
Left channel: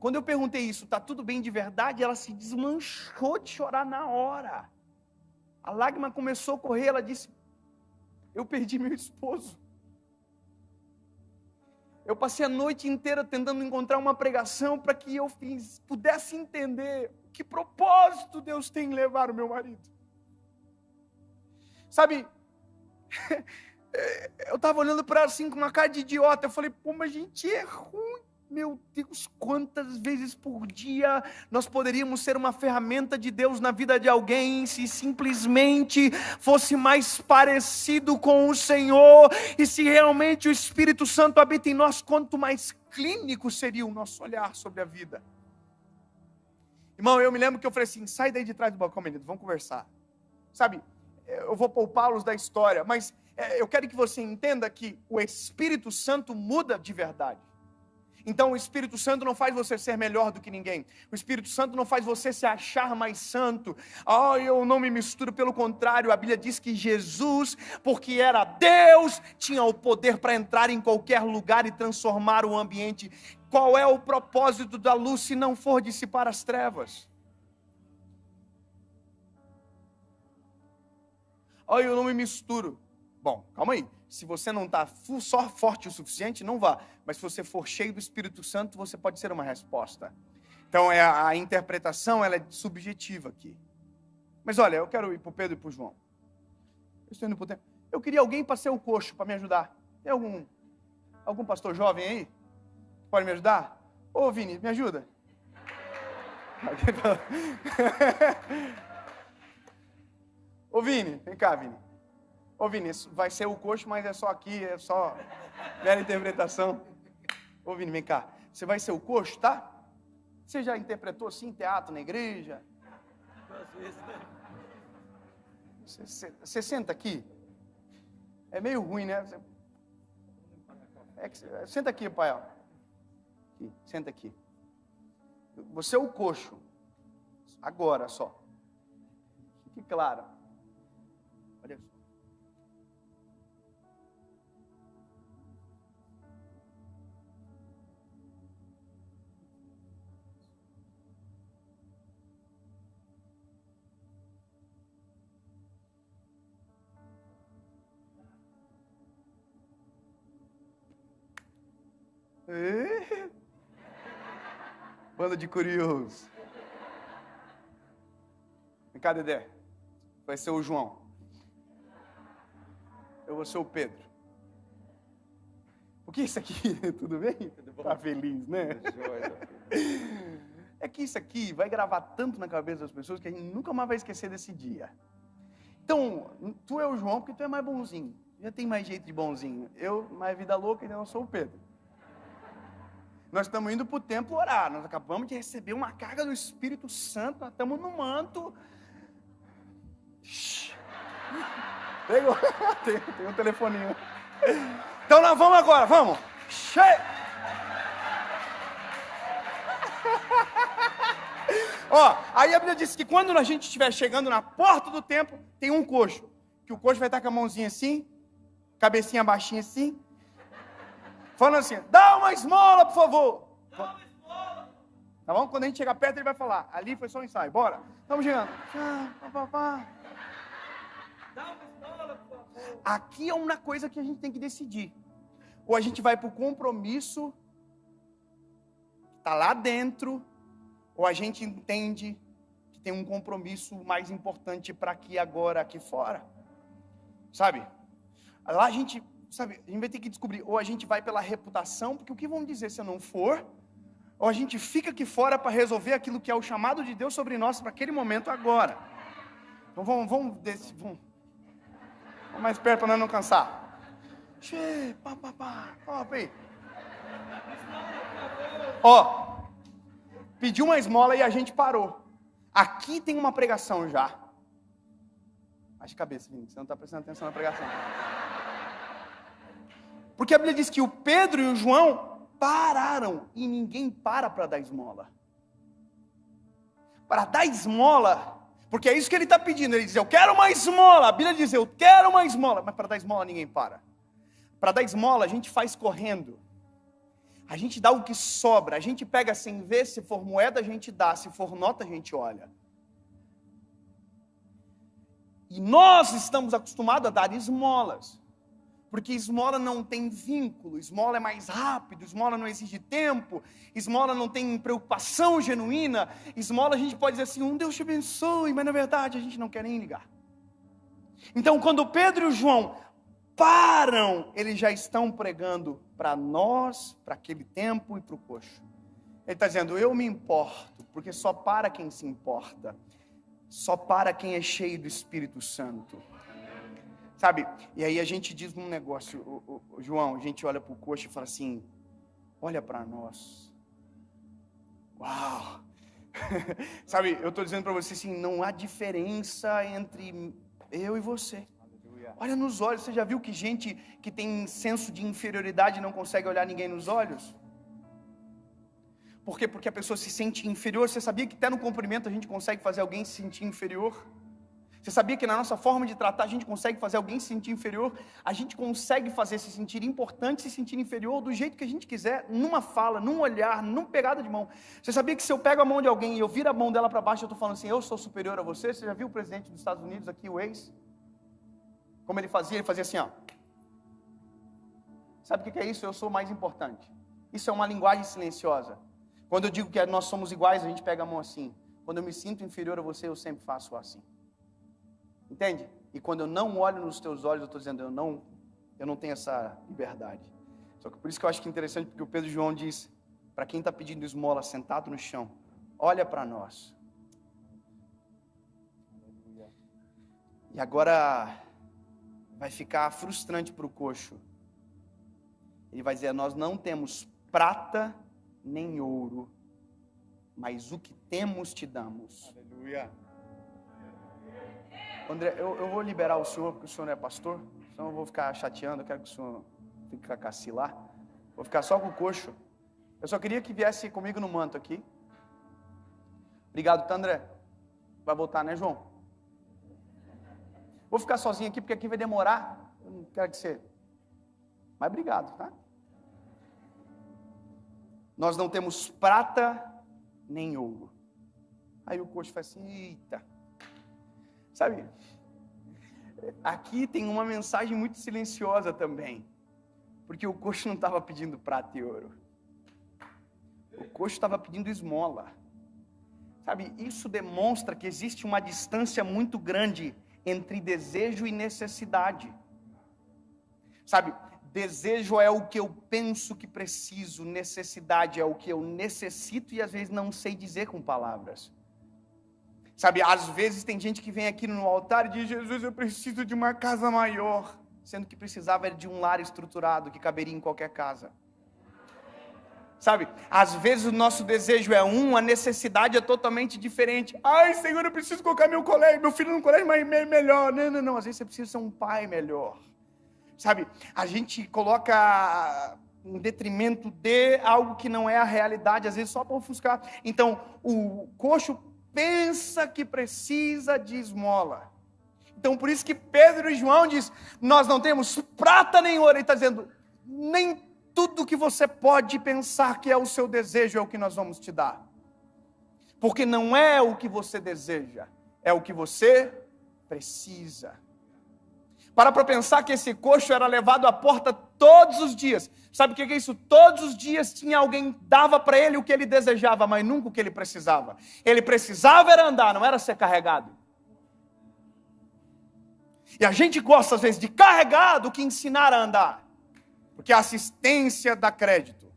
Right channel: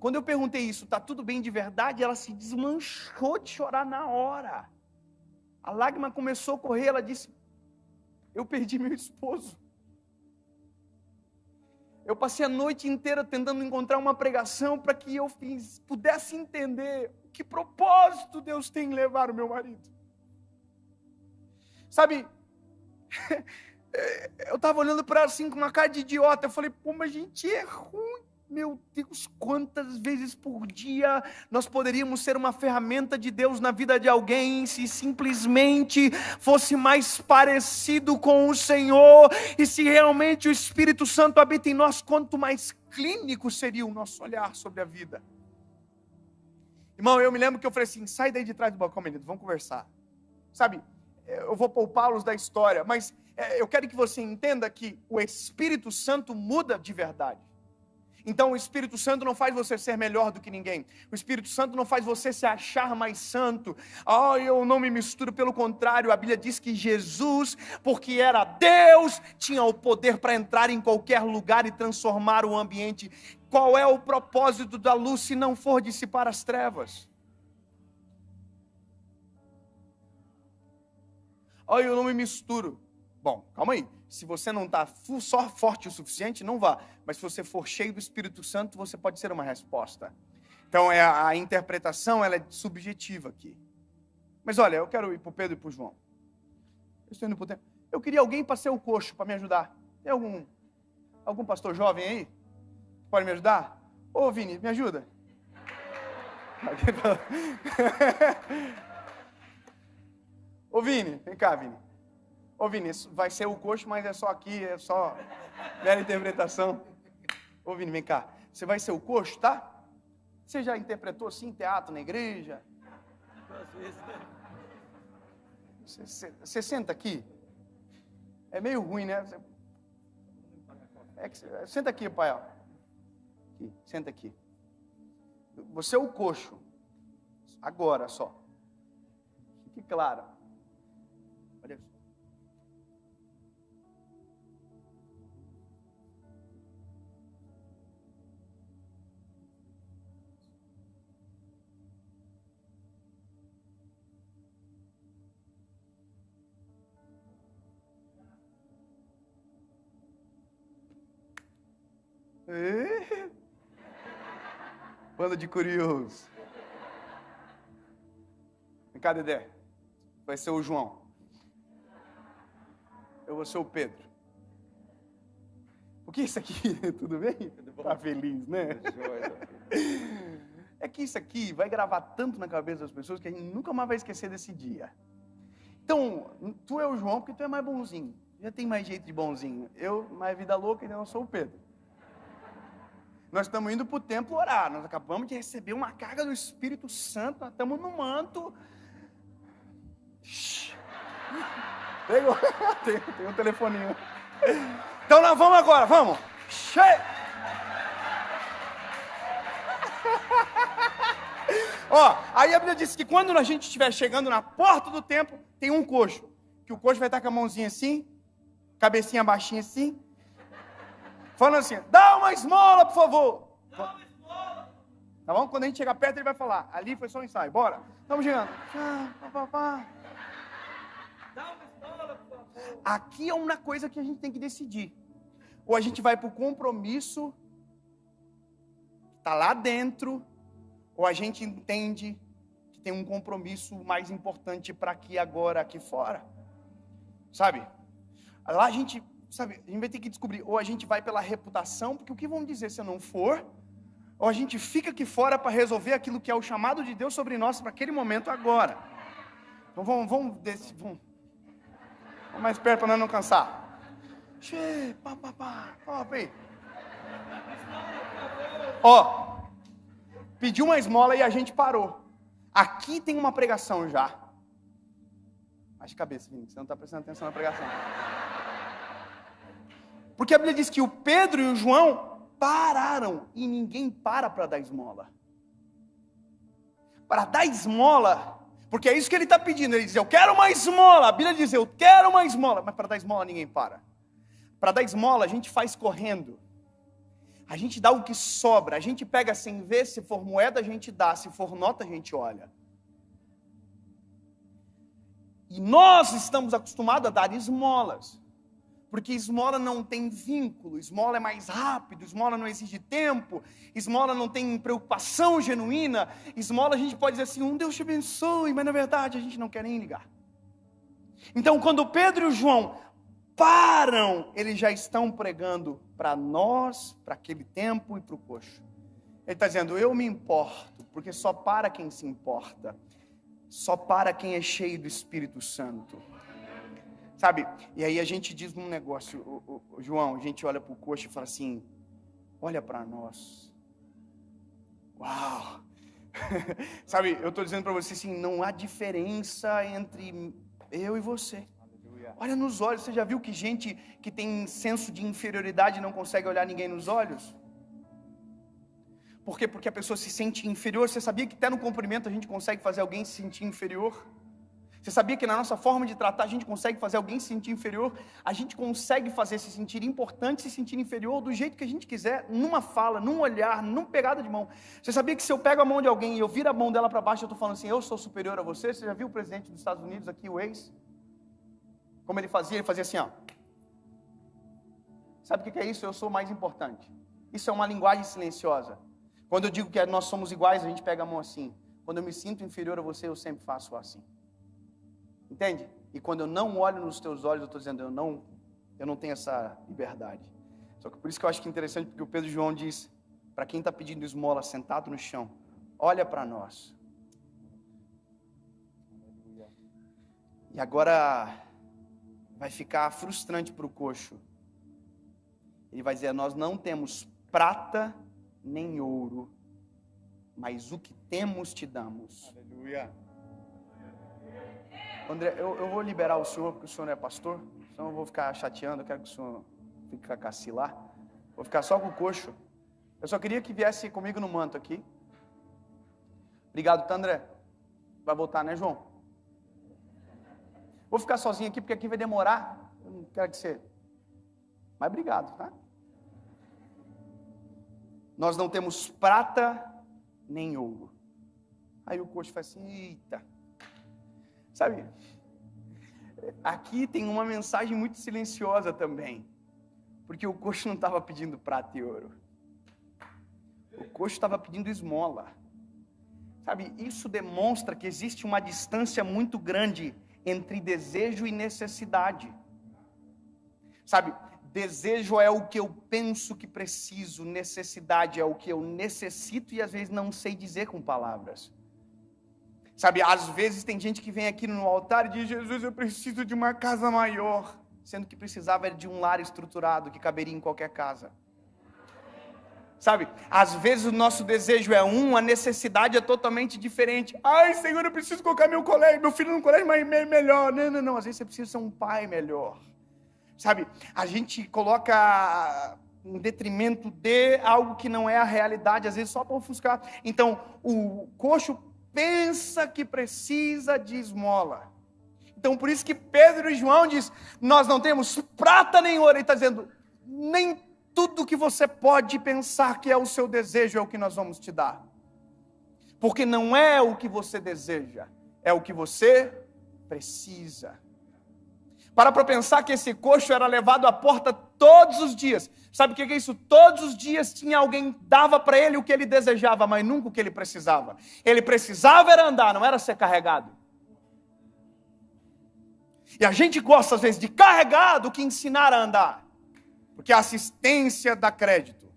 Quando eu perguntei isso, tá tudo bem de verdade? Ela se desmanchou de chorar na hora. A lágrima começou a correr, ela disse, eu perdi meu esposo. Eu passei a noite inteira tentando encontrar uma pregação para que eu pudesse entender que propósito Deus tem em levar o meu marido. Sabe, eu estava olhando para ela assim com uma cara de idiota. Eu falei, pô, mas a gente é ruim. Meu Deus, quantas vezes por dia nós poderíamos ser uma ferramenta de Deus na vida de alguém se simplesmente fosse mais parecido com o Senhor e se realmente o Espírito Santo habita em nós, quanto mais clínico seria o nosso olhar sobre a vida. Irmão, eu me lembro que eu falei assim, sai daí de trás do balcão, menino, vamos conversar. Sabe, eu vou poupá-los da história, mas eu quero que você entenda que o Espírito Santo muda de verdade. Então o Espírito Santo não faz você ser melhor do que ninguém. O Espírito Santo não faz você se achar mais santo. Eu não me misturo, pelo contrário, a Bíblia diz que Jesus, porque era Deus, tinha o poder para entrar em qualquer lugar e transformar o ambiente. Qual é o propósito da luz se não for dissipar as trevas? Eu não me misturo. Bom, calma aí. Se você não está só forte o suficiente, não vá. Mas se você for cheio do Espírito Santo, você pode ser uma resposta. Então, a interpretação ela é subjetiva aqui. Mas olha, eu quero ir para o Pedro e para o João. Eu estou indo para o tempo. Eu queria alguém para ser o coxo, para me ajudar. Tem algum pastor jovem aí? Pode me ajudar? Ô, Vini, me ajuda. Ô, Vini, vem cá, Vini. Ô, Vini, vai ser o coxo, mas é só aqui, é só mera interpretação. Ô, Vini, vem cá. Você vai ser o coxo, tá? Você já interpretou assim em teatro, na igreja? Você senta aqui. É meio ruim, né? Senta aqui, pai. Aqui, senta aqui. Você é o coxo. Agora só. Fique claro. Olha isso. Banda de curiosos. Vem cá, Dedé. Vai ser o João. Eu vou ser o Pedro. O que é isso aqui? Tudo bem? Tá feliz, né? É que isso aqui vai gravar tanto na cabeça das pessoas que a gente nunca mais vai esquecer desse dia. Então, tu é o João porque tu é mais bonzinho. Já tem mais jeito de bonzinho. Eu, mais vida louca, então eu sou o Pedro. Nós estamos indo para o templo orar. Nós acabamos de receber uma carga do Espírito Santo. Nós estamos no manto. Pegou. Tem um telefoninho. Então nós vamos agora, vamos. Aí a Bíblia diz que quando a gente estiver chegando na porta do templo, tem um coxo. Que o coxo vai estar com a mãozinha assim, cabecinha baixinha assim, falando assim, dá uma esmola, por favor. Dá uma esmola. Tá bom? Quando a gente chegar perto, ele vai falar, ali foi só um ensaio, bora. Estamos chegando. Dá uma esmola, por favor. Aqui é uma coisa que a gente tem que decidir. Ou a gente vai para o compromisso, que está lá dentro, ou a gente entende que tem um compromisso mais importante para aqui agora, aqui fora. Sabe? Lá a gente vai ter que descobrir, ou a gente vai pela reputação, porque o que vão dizer se eu não for, ou a gente fica aqui fora para resolver aquilo que é o chamado de Deus sobre nós para aquele momento agora. Então vamos mais perto para nós não cansar. Pediu uma esmola e a gente parou. Aqui tem uma pregação já. Baixa a cabeça, você não está prestando atenção na pregação. Porque a Bíblia diz que o Pedro e o João pararam e ninguém para dar esmola. Para dar esmola, porque é isso que ele está pedindo. Ele diz, eu quero uma esmola. A Bíblia diz, eu quero uma esmola. Mas para dar esmola ninguém para. Para dar esmola a gente faz correndo. A gente dá o que sobra. A gente pega sem ver, se for moeda a gente dá, se for nota a gente olha. E nós estamos acostumados a dar esmolas. Porque esmola não tem vínculo, esmola é mais rápido, esmola não exige tempo, esmola não tem preocupação genuína, esmola a gente pode dizer assim, Deus te abençoe, mas na verdade a gente não quer nem ligar. Então quando Pedro e o João param, eles já estão pregando para nós, para aquele tempo e para o coxo. Ele está dizendo, eu me importo, porque só para quem se importa, só para quem é cheio do Espírito Santo. Sabe, e aí a gente diz um negócio, João, a gente olha para o coxo e fala assim, olha para nós. Uau! Sabe, eu estou dizendo para você assim, não há diferença entre eu e você. Olha nos olhos, você já viu que gente que tem senso de inferioridade não consegue olhar ninguém nos olhos? Por quê? Porque a pessoa se sente inferior. Você sabia que até no cumprimento a gente consegue fazer alguém se sentir inferior? Você sabia que na nossa forma de tratar a gente consegue fazer alguém se sentir inferior? A gente consegue fazer se sentir importante, se sentir inferior do jeito que a gente quiser, numa fala, num olhar, numa pegada de mão. Você sabia que se eu pego a mão de alguém e eu viro a mão dela para baixo, eu estou falando assim, eu sou superior a você? Você já viu o presidente dos Estados Unidos aqui, o ex? Como ele fazia? Ele fazia assim, ó. Sabe o que é isso? Eu sou mais importante. Isso é uma linguagem silenciosa. Quando eu digo que nós somos iguais, a gente pega a mão assim. Quando eu me sinto inferior a você, eu sempre faço assim. Entende? E quando eu não olho nos teus olhos, eu estou dizendo, eu não tenho essa liberdade. Só que por isso que eu acho que é interessante, porque o Pedro João diz, para quem está pedindo esmola sentado no chão, olha para nós. E agora vai ficar frustrante para o coxo. Ele vai dizer, nós não temos prata nem ouro, mas o que temos te damos. Aleluia. André, eu vou liberar o senhor, porque o senhor não é pastor, senão eu vou ficar chateando, eu quero que o senhor fique com a cacilar. Vou ficar só com o coxo. Eu só queria que viesse comigo no manto aqui. Obrigado, tá, André? Vai voltar, né, João? Vou ficar sozinho aqui, porque aqui vai demorar. Eu não quero que você... Mas obrigado, tá? Nós não temos prata nem ouro. Aí o coxo faz assim, eita. Sabe, aqui tem uma mensagem muito silenciosa também, porque o coxo não estava pedindo prata e ouro, o coxo estava pedindo esmola. Sabe, isso demonstra que existe uma distância muito grande entre desejo e necessidade. Sabe, desejo é o que eu penso que preciso, necessidade é o que eu necessito e às vezes não sei dizer com palavras. Sabe, às vezes tem gente que vem aqui no altar e diz, Jesus, eu preciso de uma casa maior, sendo que precisava de um lar estruturado que caberia em qualquer casa. Sabe, às vezes o nosso desejo é a necessidade é totalmente diferente. Ai, Senhor, eu preciso colocar meu filho no colégio melhor. Não, às vezes você precisa ser um pai melhor. Sabe, a gente coloca em detrimento de algo que não é a realidade, às vezes só para ofuscar. Então, o coxo pensa que precisa de esmola. Então por isso que Pedro e João diz, nós não temos prata nem ouro. Ele está dizendo, nem tudo que você pode pensar que é o seu desejo é o que nós vamos te dar. Porque não é o que você deseja, é o que você precisa. Para pensar que esse coxo era levado à porta todos os dias. Sabe o que é isso? Todos os dias tinha alguém, dava para ele o que ele desejava, mas nunca o que ele precisava. Ele precisava era andar, não era ser carregado. E a gente gosta às vezes de carregar do que ensinar a andar. Porque a assistência dá crédito.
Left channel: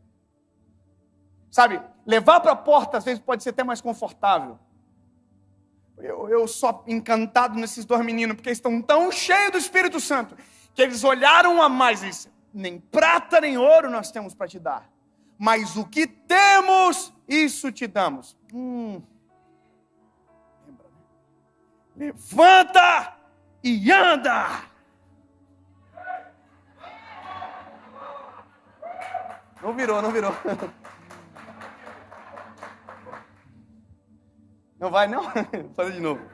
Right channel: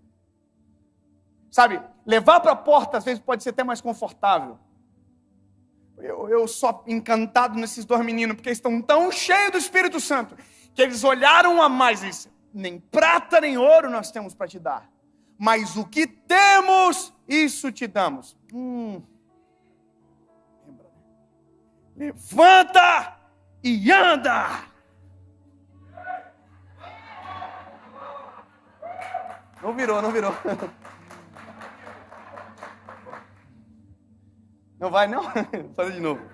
Sabe, levar para a porta às vezes pode ser até mais confortável. Eu sou encantado nesses dois meninos, porque eles estão tão cheios do Espírito Santo, que eles olharam a mais e disseram, nem prata nem ouro nós temos para te dar, mas o que temos, isso te damos. Levanta e anda. Não virou. Não vai não? Fala de novo.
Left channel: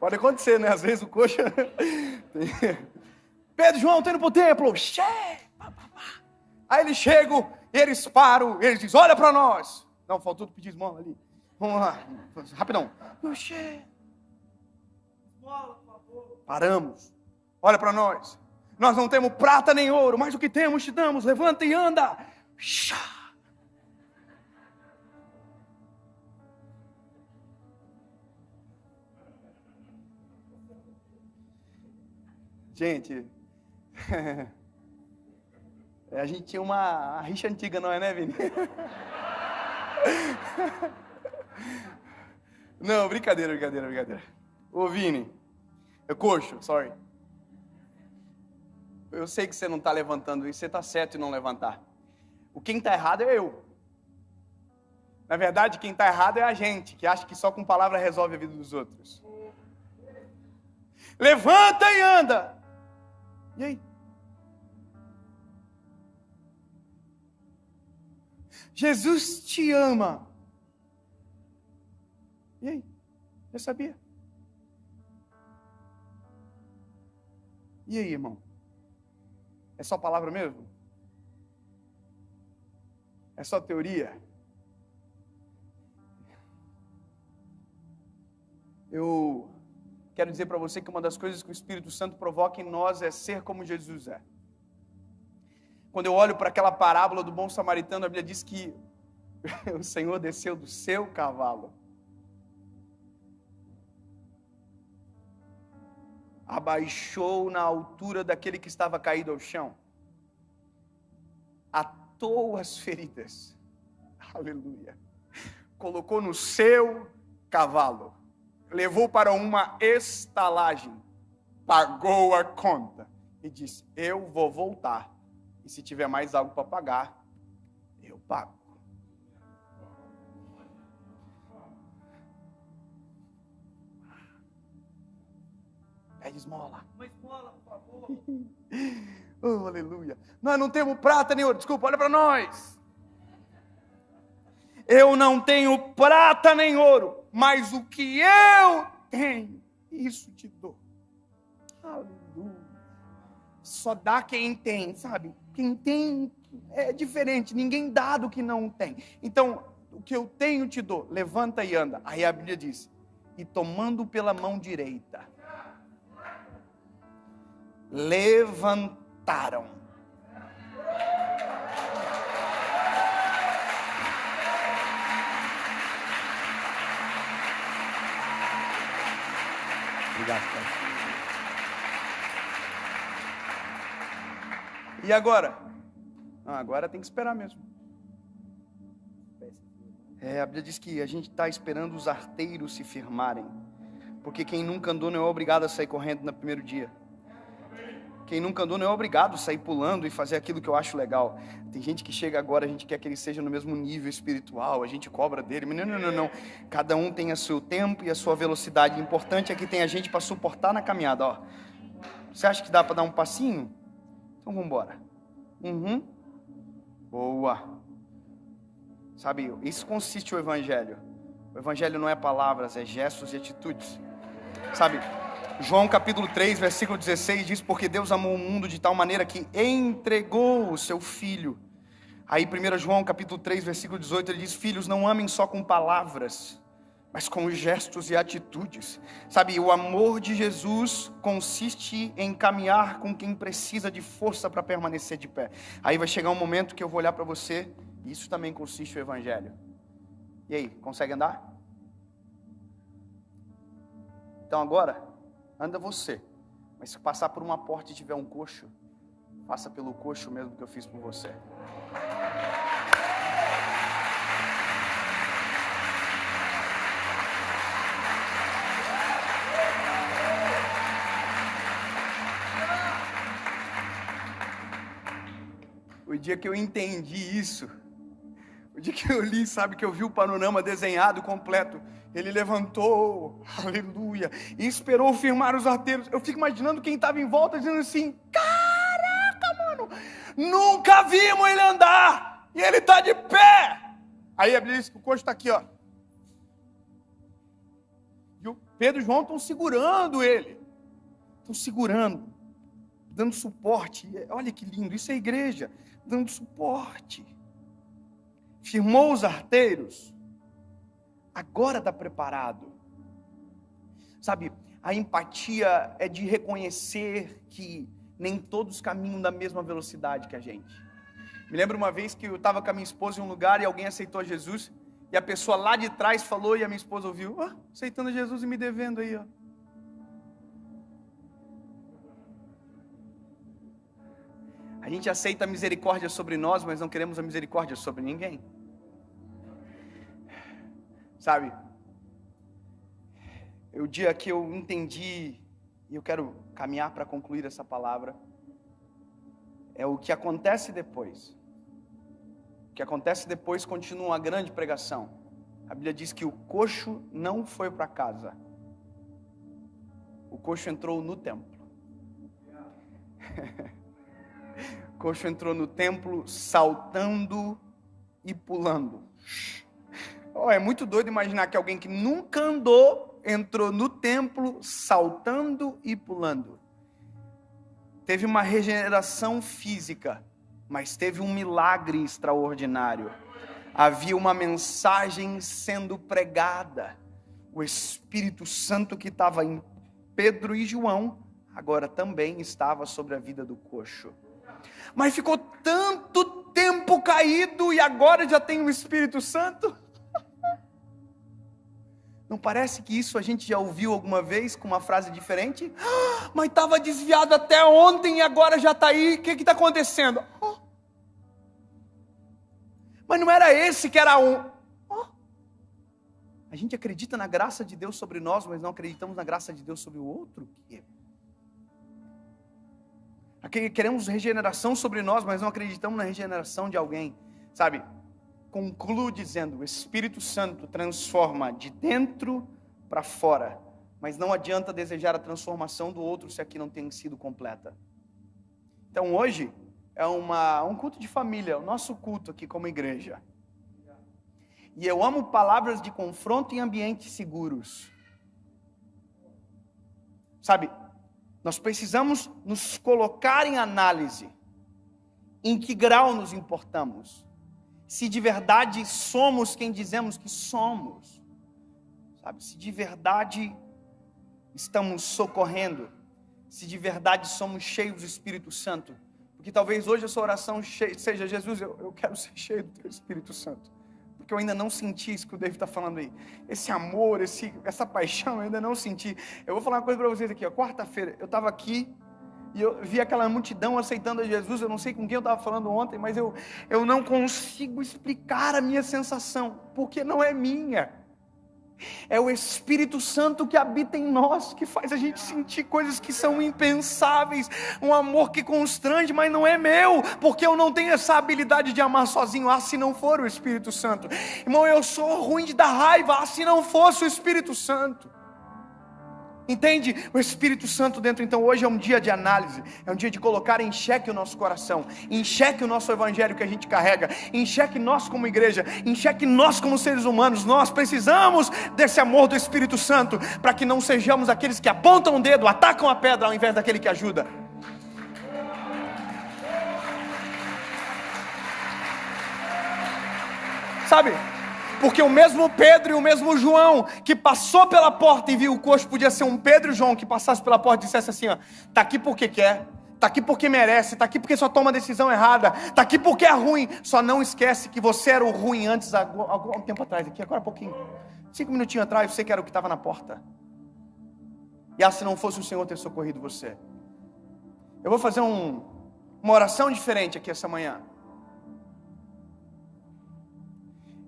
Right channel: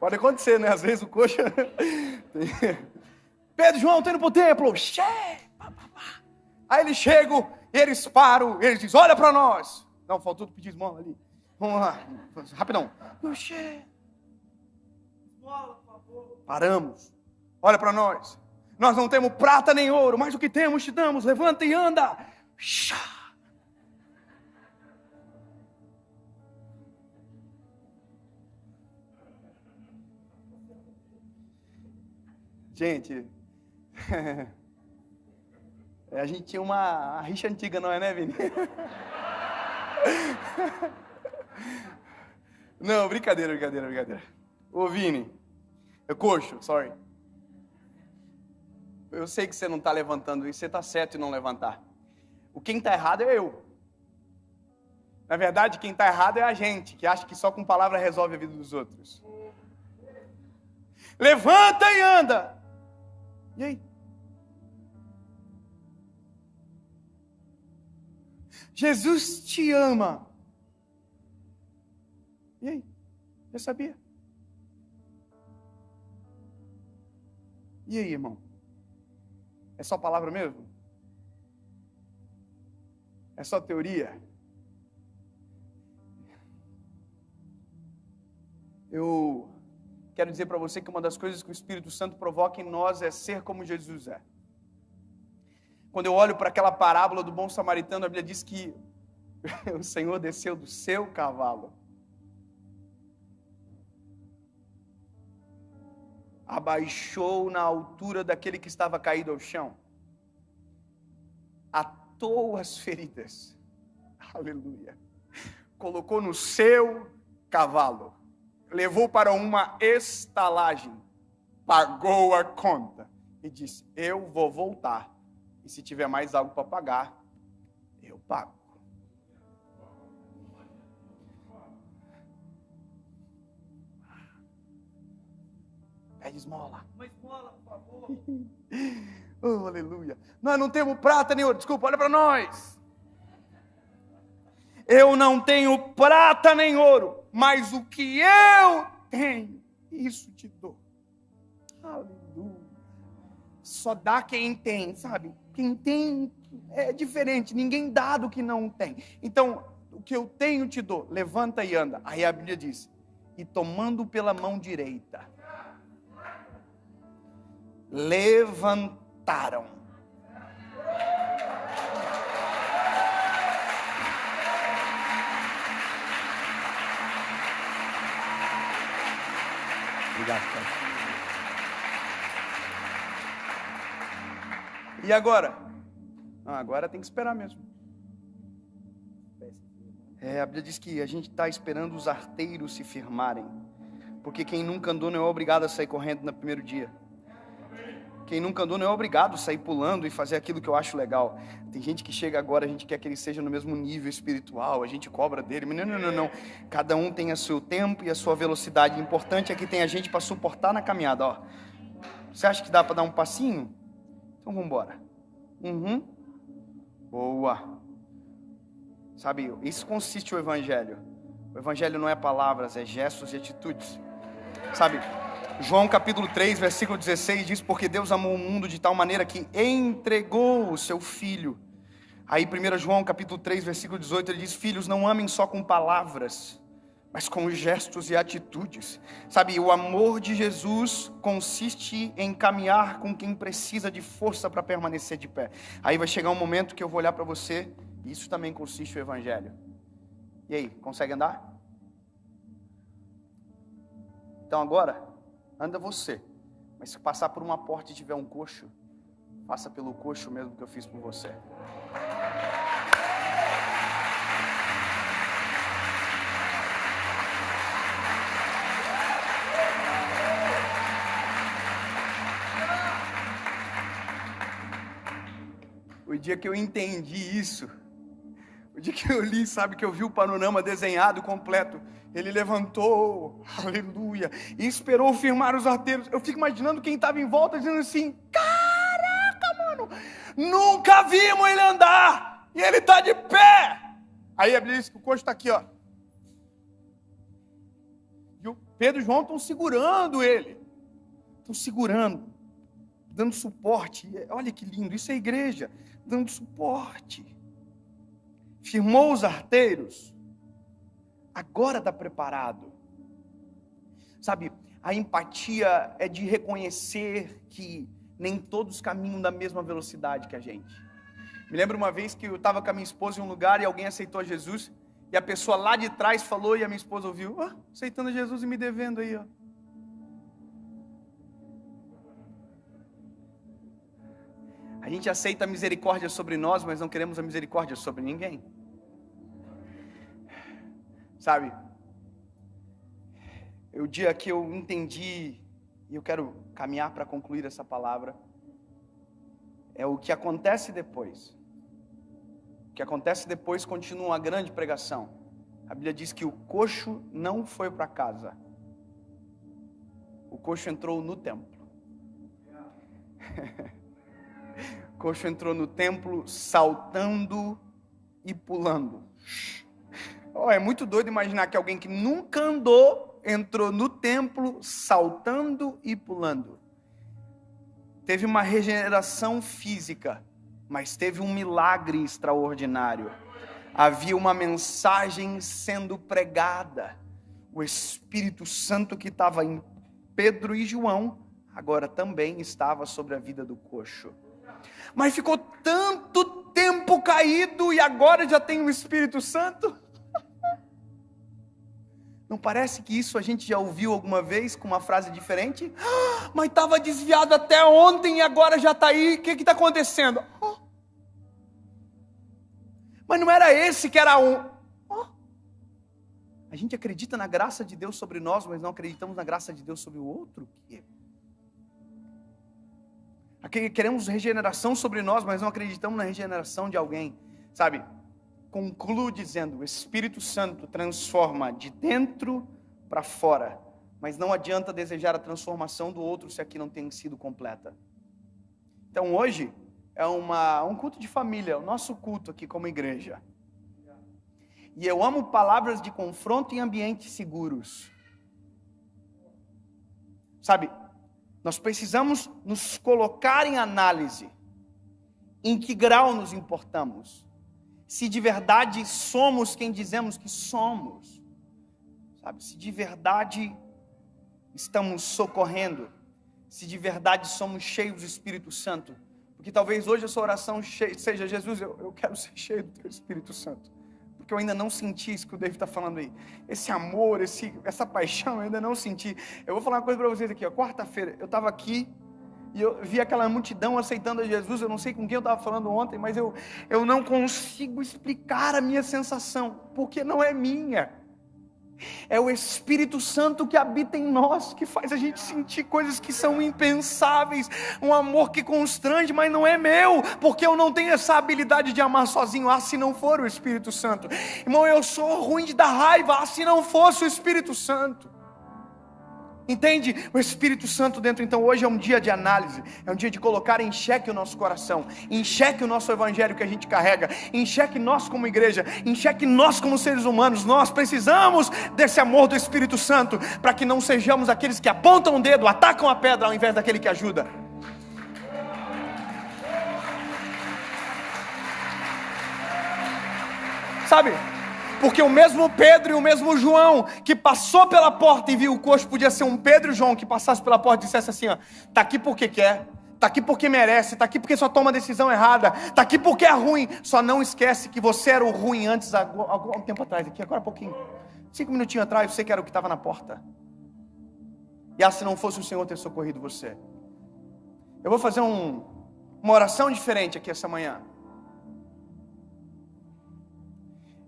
Pode acontecer, né? Às vezes o coxa... Pedro e João estão indo para o templo. Aí eles chegam, eles param, eles dizem, olha para nós. Não, faltou pedir esmola ali. Vamos lá, rapidão. Paramos. Olha para nós. Nós não temos prata nem ouro, mas o que temos te damos. Levanta e anda. Gente, a gente tinha uma rixa antiga, não é, né, Vini? Não, brincadeira. Ô, Vini, coxo, sorry. Eu sei que você não está levantando isso, você está certo em não levantar. Quem está errado é eu. Na verdade, quem está errado é a gente, que acha que só com palavra resolve a vida dos outros. Levanta e anda. E aí? Jesus te ama. E aí? Já sabia? E aí, irmão? É só palavra mesmo? É só teoria? Eu quero dizer para você que uma das coisas que o Espírito Santo provoca em nós é ser como Jesus é. Quando eu olho para aquela parábola do bom samaritano, a Bíblia diz que o Senhor desceu do seu cavalo, abaixou na altura daquele que estava caído ao chão, atou as feridas, aleluia, colocou no seu cavalo, levou para uma estalagem, pagou a conta e disse: eu vou voltar, e se tiver mais algo para pagar, eu pago. Pede esmola. Uma esmola, por favor. Oh, aleluia. Nós não temos prata nem ouro. Desculpa, olha para nós. Eu não tenho prata nem ouro, mas o que eu tenho, isso te dou. Aleluia. Só dá quem tem, sabe? Quem tem é diferente. Ninguém dá do que não tem. Então, o que eu tenho te dou. Levanta e anda. Aí a Bíblia diz: e tomando pela mão direita, levantaram. Obrigado, Pai. E agora? Agora tem que esperar mesmo. A Bíblia diz que a gente está esperando os arteiros se firmarem, porque quem nunca andou não é obrigado a sair correndo no primeiro dia. Quem nunca andou não é obrigado a sair pulando e fazer aquilo que eu acho legal. Tem gente que chega agora, a gente quer que ele seja no mesmo nível espiritual, a gente cobra dele, mas não. Cada um tem o seu tempo e a sua velocidade. O importante é que tem a gente para suportar na caminhada, ó. Você acha que dá para dar um passinho? Então vamos embora. Boa. Sabe, isso consiste o Evangelho. O Evangelho não é palavras, é gestos e atitudes. Sabe, João capítulo 3, versículo 16 diz: porque Deus amou o mundo de tal maneira que entregou o seu Filho. Aí 1 João capítulo 3, versículo 18, ele diz: filhos, não amem só com palavras, mas com gestos e atitudes. Sabe, o amor de Jesus consiste em caminhar com quem precisa de força para permanecer de pé. Aí vai chegar um momento que eu vou olhar para você, e isso também consiste no Evangelho. E aí, consegue andar? Então agora, anda você. Mas se passar por uma porta e tiver um coxo, passa pelo coxo mesmo que eu fiz por você. O dia que eu entendi isso, o dia que eu li, sabe, que eu vi o panorama desenhado completo, ele levantou, aleluia, e esperou firmar os arteiros. Eu fico imaginando quem estava em volta dizendo assim: caraca, mano, nunca vimos ele andar, e ele está de pé. Aí a Bíblia diz que o coxo está aqui, ó. E o Pedro e João estão segurando ele, estão segurando, dando suporte. Olha que lindo, isso é igreja, dando suporte. Firmou os arteiros, agora está preparado. Sabe, a empatia é de reconhecer que nem todos caminham da mesma velocidade que a gente. Me lembro uma vez que eu estava com a minha esposa em um lugar e alguém aceitou Jesus, e a pessoa lá de trás falou, e a minha esposa ouviu: aceitando Jesus e me devendo aí, ó. A gente aceita a misericórdia sobre nós, mas não queremos a misericórdia sobre ninguém. Sabe, o dia que eu entendi, e eu quero caminhar para concluir essa palavra, é o que acontece depois. O que acontece depois continua uma grande pregação. A Bíblia diz que o coxo não foi para casa. O coxo entrou no templo. O coxo entrou no templo saltando e pulando. É muito doido imaginar que alguém que nunca andou, entrou no templo saltando e pulando. Teve uma regeneração física, mas teve um milagre extraordinário. Havia uma mensagem sendo pregada. O Espírito Santo que estava em Pedro e João, agora também estava sobre a vida do coxo. Mas ficou tanto tempo caído e agora já tem o Espírito Santo? Não parece que isso a gente já ouviu alguma vez com uma frase diferente? Mas estava desviado até ontem e agora já está aí, o que está acontecendo? Mas não era esse que era um... A gente acredita na graça de Deus sobre nós, mas não acreditamos na graça de Deus sobre o outro? Queremos regeneração sobre nós, mas não acreditamos na regeneração de alguém, sabe? Concluo dizendo, o Espírito Santo transforma de dentro para fora, mas não adianta desejar a transformação do outro se aqui não tem sido completa. Então hoje é um culto de família, o nosso culto aqui como igreja. E eu amo palavras de confronto em ambientes seguros. Sabe, nós precisamos nos colocar em análise. Em que grau nos importamos? Se de verdade somos quem dizemos que somos. Sabe, se de verdade estamos socorrendo. Se de verdade somos cheios do Espírito Santo. Porque talvez hoje a sua oração seja: Jesus, eu quero ser cheio do Teu Espírito Santo. Porque eu ainda não senti isso que o David está falando aí. Esse amor, essa paixão, eu ainda não senti. Eu vou falar uma coisa para vocês aqui. Quarta-feira, eu estava aqui e eu vi aquela multidão aceitando a Jesus. Eu não sei com quem eu estava falando ontem, mas eu não consigo explicar a minha sensação, porque não é minha. É o Espírito Santo que habita em nós, que faz a gente sentir coisas que são impensáveis, um amor que constrange, mas não é meu, porque eu não tenho essa habilidade de amar sozinho. Se não for o Espírito Santo, irmão, eu sou ruim de dar raiva, se não fosse o Espírito Santo. Entende? O Espírito Santo dentro. Então hoje é um dia de análise, é um dia de colocar em xeque o nosso coração, em xeque o nosso evangelho que a gente carrega, em xeque nós como igreja, em xeque nós como seres humanos. Nós precisamos desse amor do Espírito Santo, para que não sejamos aqueles que apontam o dedo, atacam a pedra, ao invés daquele que ajuda. Sabe? Porque o mesmo Pedro e o mesmo João que passou pela porta e viu o coxo, podia ser um Pedro e João que passasse pela porta e dissesse assim: ó, tá aqui porque quer, tá aqui porque merece, tá aqui porque só toma a decisão errada, tá aqui porque é ruim. Só não esquece que você era o ruim antes, algum tempo atrás, aqui agora há pouquinho, 5 minutinhos atrás, você que era o que estava na porta. E se não fosse o Senhor ter socorrido você. Eu vou fazer uma oração diferente aqui essa manhã.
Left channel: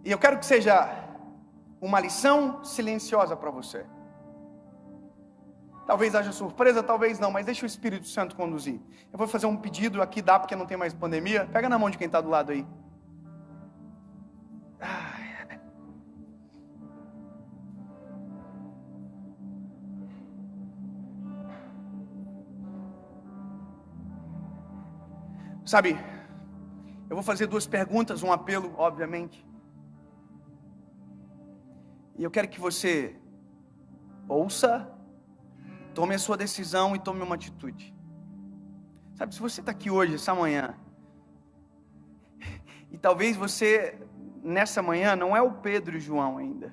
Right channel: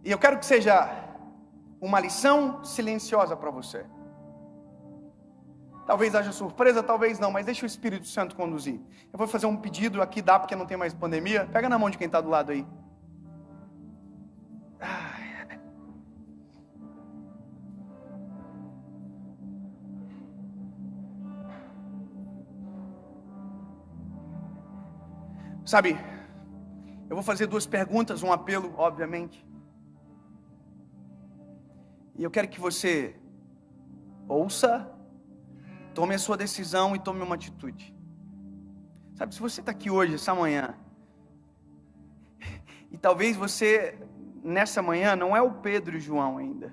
E eu quero que seja uma lição silenciosa para você. Talvez haja surpresa, talvez não, mas deixa o Espírito Santo conduzir. Eu vou fazer um pedido aqui, dá porque não tem mais pandemia. Pega na mão de quem está do lado aí. Sabe, eu vou fazer 2 perguntas, um apelo, obviamente. E eu quero que você ouça, tome a sua decisão e tome uma atitude. Sabe, se você está aqui hoje, essa manhã, e talvez você, nessa manhã, não é o Pedro e o João ainda.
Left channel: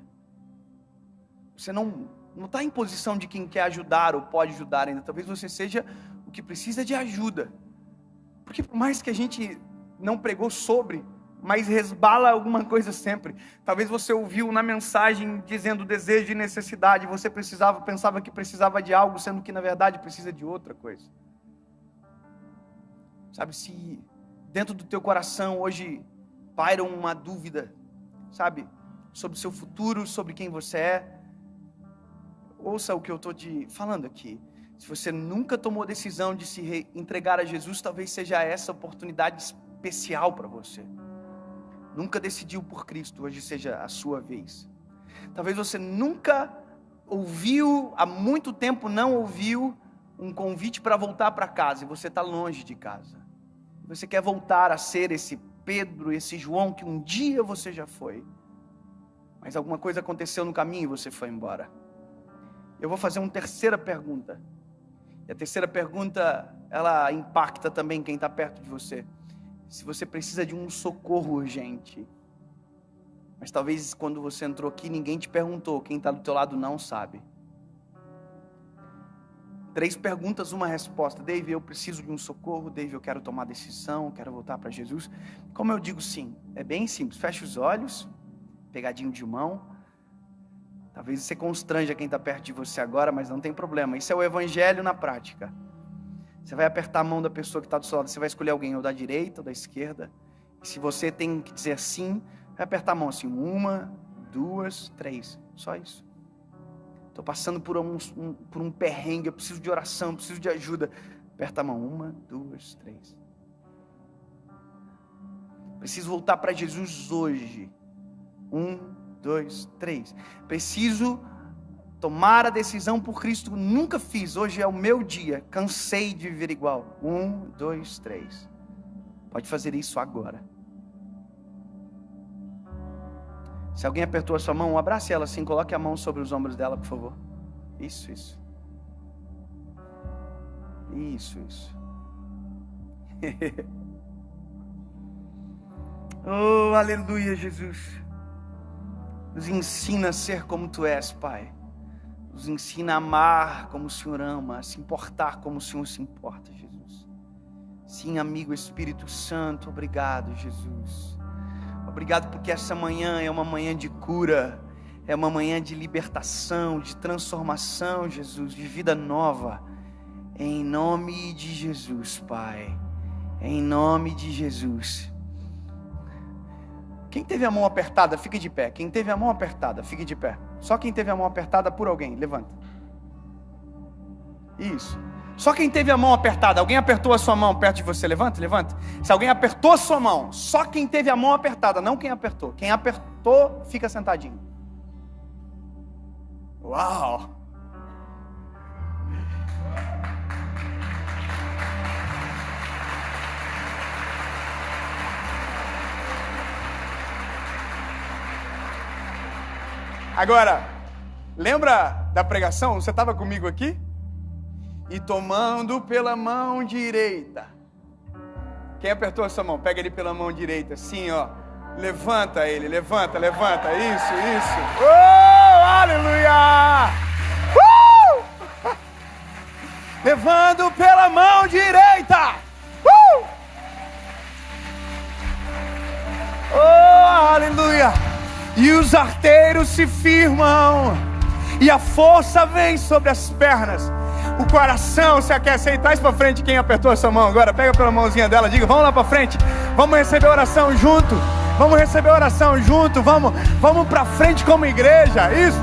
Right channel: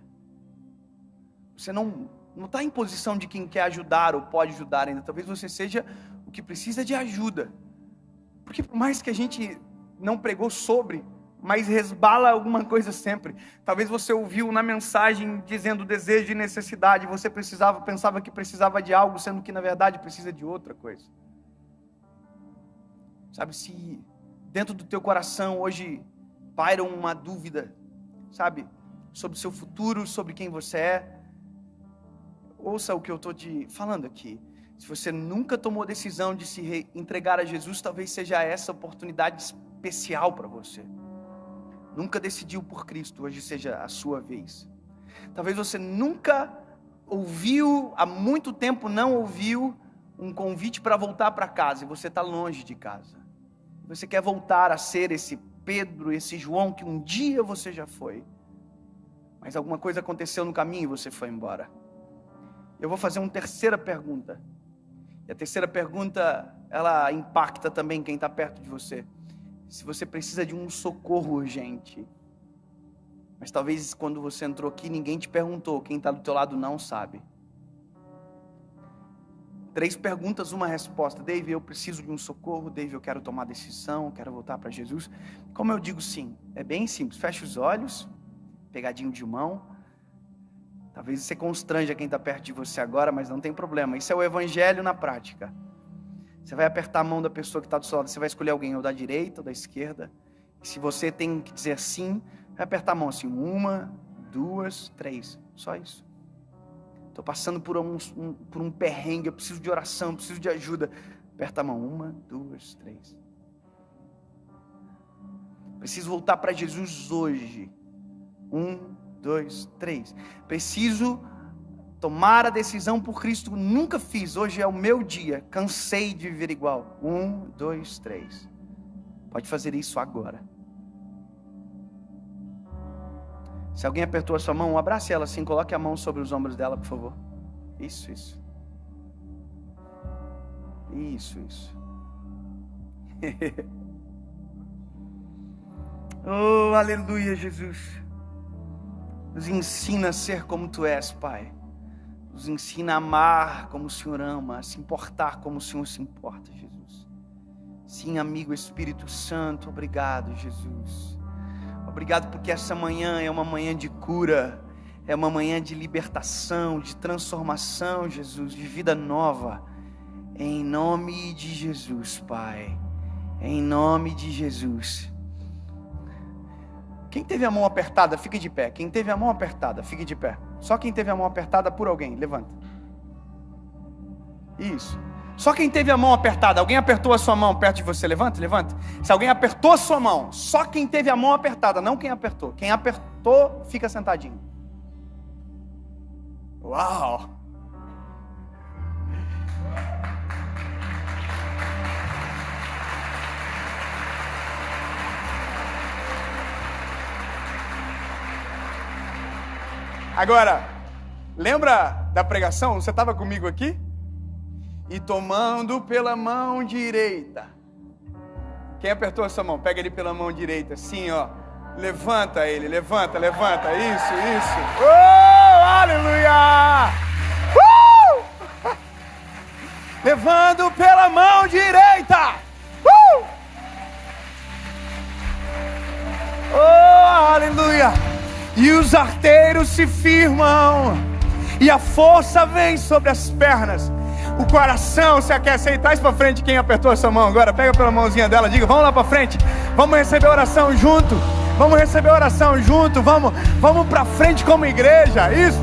Você não está em posição de quem quer ajudar ou pode ajudar ainda. Talvez você seja o que precisa de ajuda. Porque por mais que a gente não pregou sobre, mas resbala alguma coisa sempre. Talvez você ouviu na mensagem dizendo desejo e necessidade, você pensava que precisava de algo, sendo que na verdade precisa de outra coisa. Sabe, se dentro do teu coração hoje paira uma dúvida, sabe, sobre o seu futuro, sobre quem você é, ouça o que eu estou te falando aqui. Se você nunca tomou decisão de se entregar a Jesus, talvez seja essa oportunidade especial para você. Nunca decidiu por Cristo, hoje seja a sua vez. Talvez você nunca ouviu, há muito tempo não ouviu um convite para voltar para casa, e você está longe de casa. Você quer voltar a ser esse Pedro, esse João que um dia você já foi, mas alguma coisa aconteceu no caminho e você foi embora. Eu vou fazer uma terceira pergunta. E a terceira pergunta, ela impacta também quem está perto de você. Se você precisa de um socorro urgente, mas talvez quando você entrou aqui ninguém te perguntou, quem está do teu lado não sabe. 3 perguntas, uma resposta. Dave, eu preciso de um socorro. Dave, eu quero tomar decisão, quero voltar para Jesus. Como eu digo sim? É bem simples, fecha os olhos, pegadinho de mão. Talvez você constranja quem está perto de você agora, mas não tem problema. Isso é o evangelho na prática. Você vai apertar a mão da pessoa que está do seu lado. Você vai escolher alguém ou da direita ou da esquerda. E se você tem que dizer sim, vai apertar a mão assim. 1, 2, 3. Só isso. Estou passando por um perrengue. Eu preciso de oração, eu preciso de ajuda. Aperta a mão. 1, 2, 3. Preciso voltar para Jesus hoje. 1, 2, 3. Preciso tomar a decisão por Cristo. Nunca fiz. Hoje é o meu dia. Cansei de viver igual. 1, 2, 3. Pode fazer isso agora. Se alguém apertou a sua mão, abrace ela assim. Coloque a mão sobre os ombros dela, por favor. Isso. Isso. Oh, aleluia, Jesus. Nos ensina a ser como Tu és, Pai. Nos ensina a amar como o Senhor ama, a se importar como o Senhor se importa, Jesus. Sim, amigo Espírito Santo, obrigado, Jesus. Obrigado porque essa manhã é uma manhã de cura, é uma manhã de libertação, de transformação, Jesus, de vida nova. Em nome de Jesus, Pai. Em nome de Jesus. Quem teve a mão apertada, fique de pé. Quem teve a mão apertada, fique de pé. Só quem teve a mão apertada por alguém, levanta. Isso. Só quem teve a mão apertada, alguém apertou a sua mão perto de você, levanta. Se alguém apertou a sua mão, só quem teve a mão apertada, não quem apertou. Quem apertou, fica sentadinho. Uau! Agora, lembra da pregação? Você estava comigo aqui? E tomando pela mão direita. Quem apertou essa mão? Pega ele pela mão direita, assim, ó. Levanta ele, levanta. Isso. Oh, aleluia! Levando pela mão direita. Oh, aleluia! E os arteiros se firmam, e a força vem sobre as pernas, o coração se aquece. Aí, traz para frente quem apertou a sua mão agora, pega pela mãozinha dela, diga, vamos lá para frente, vamos receber oração junto, vamos para frente como igreja, isso.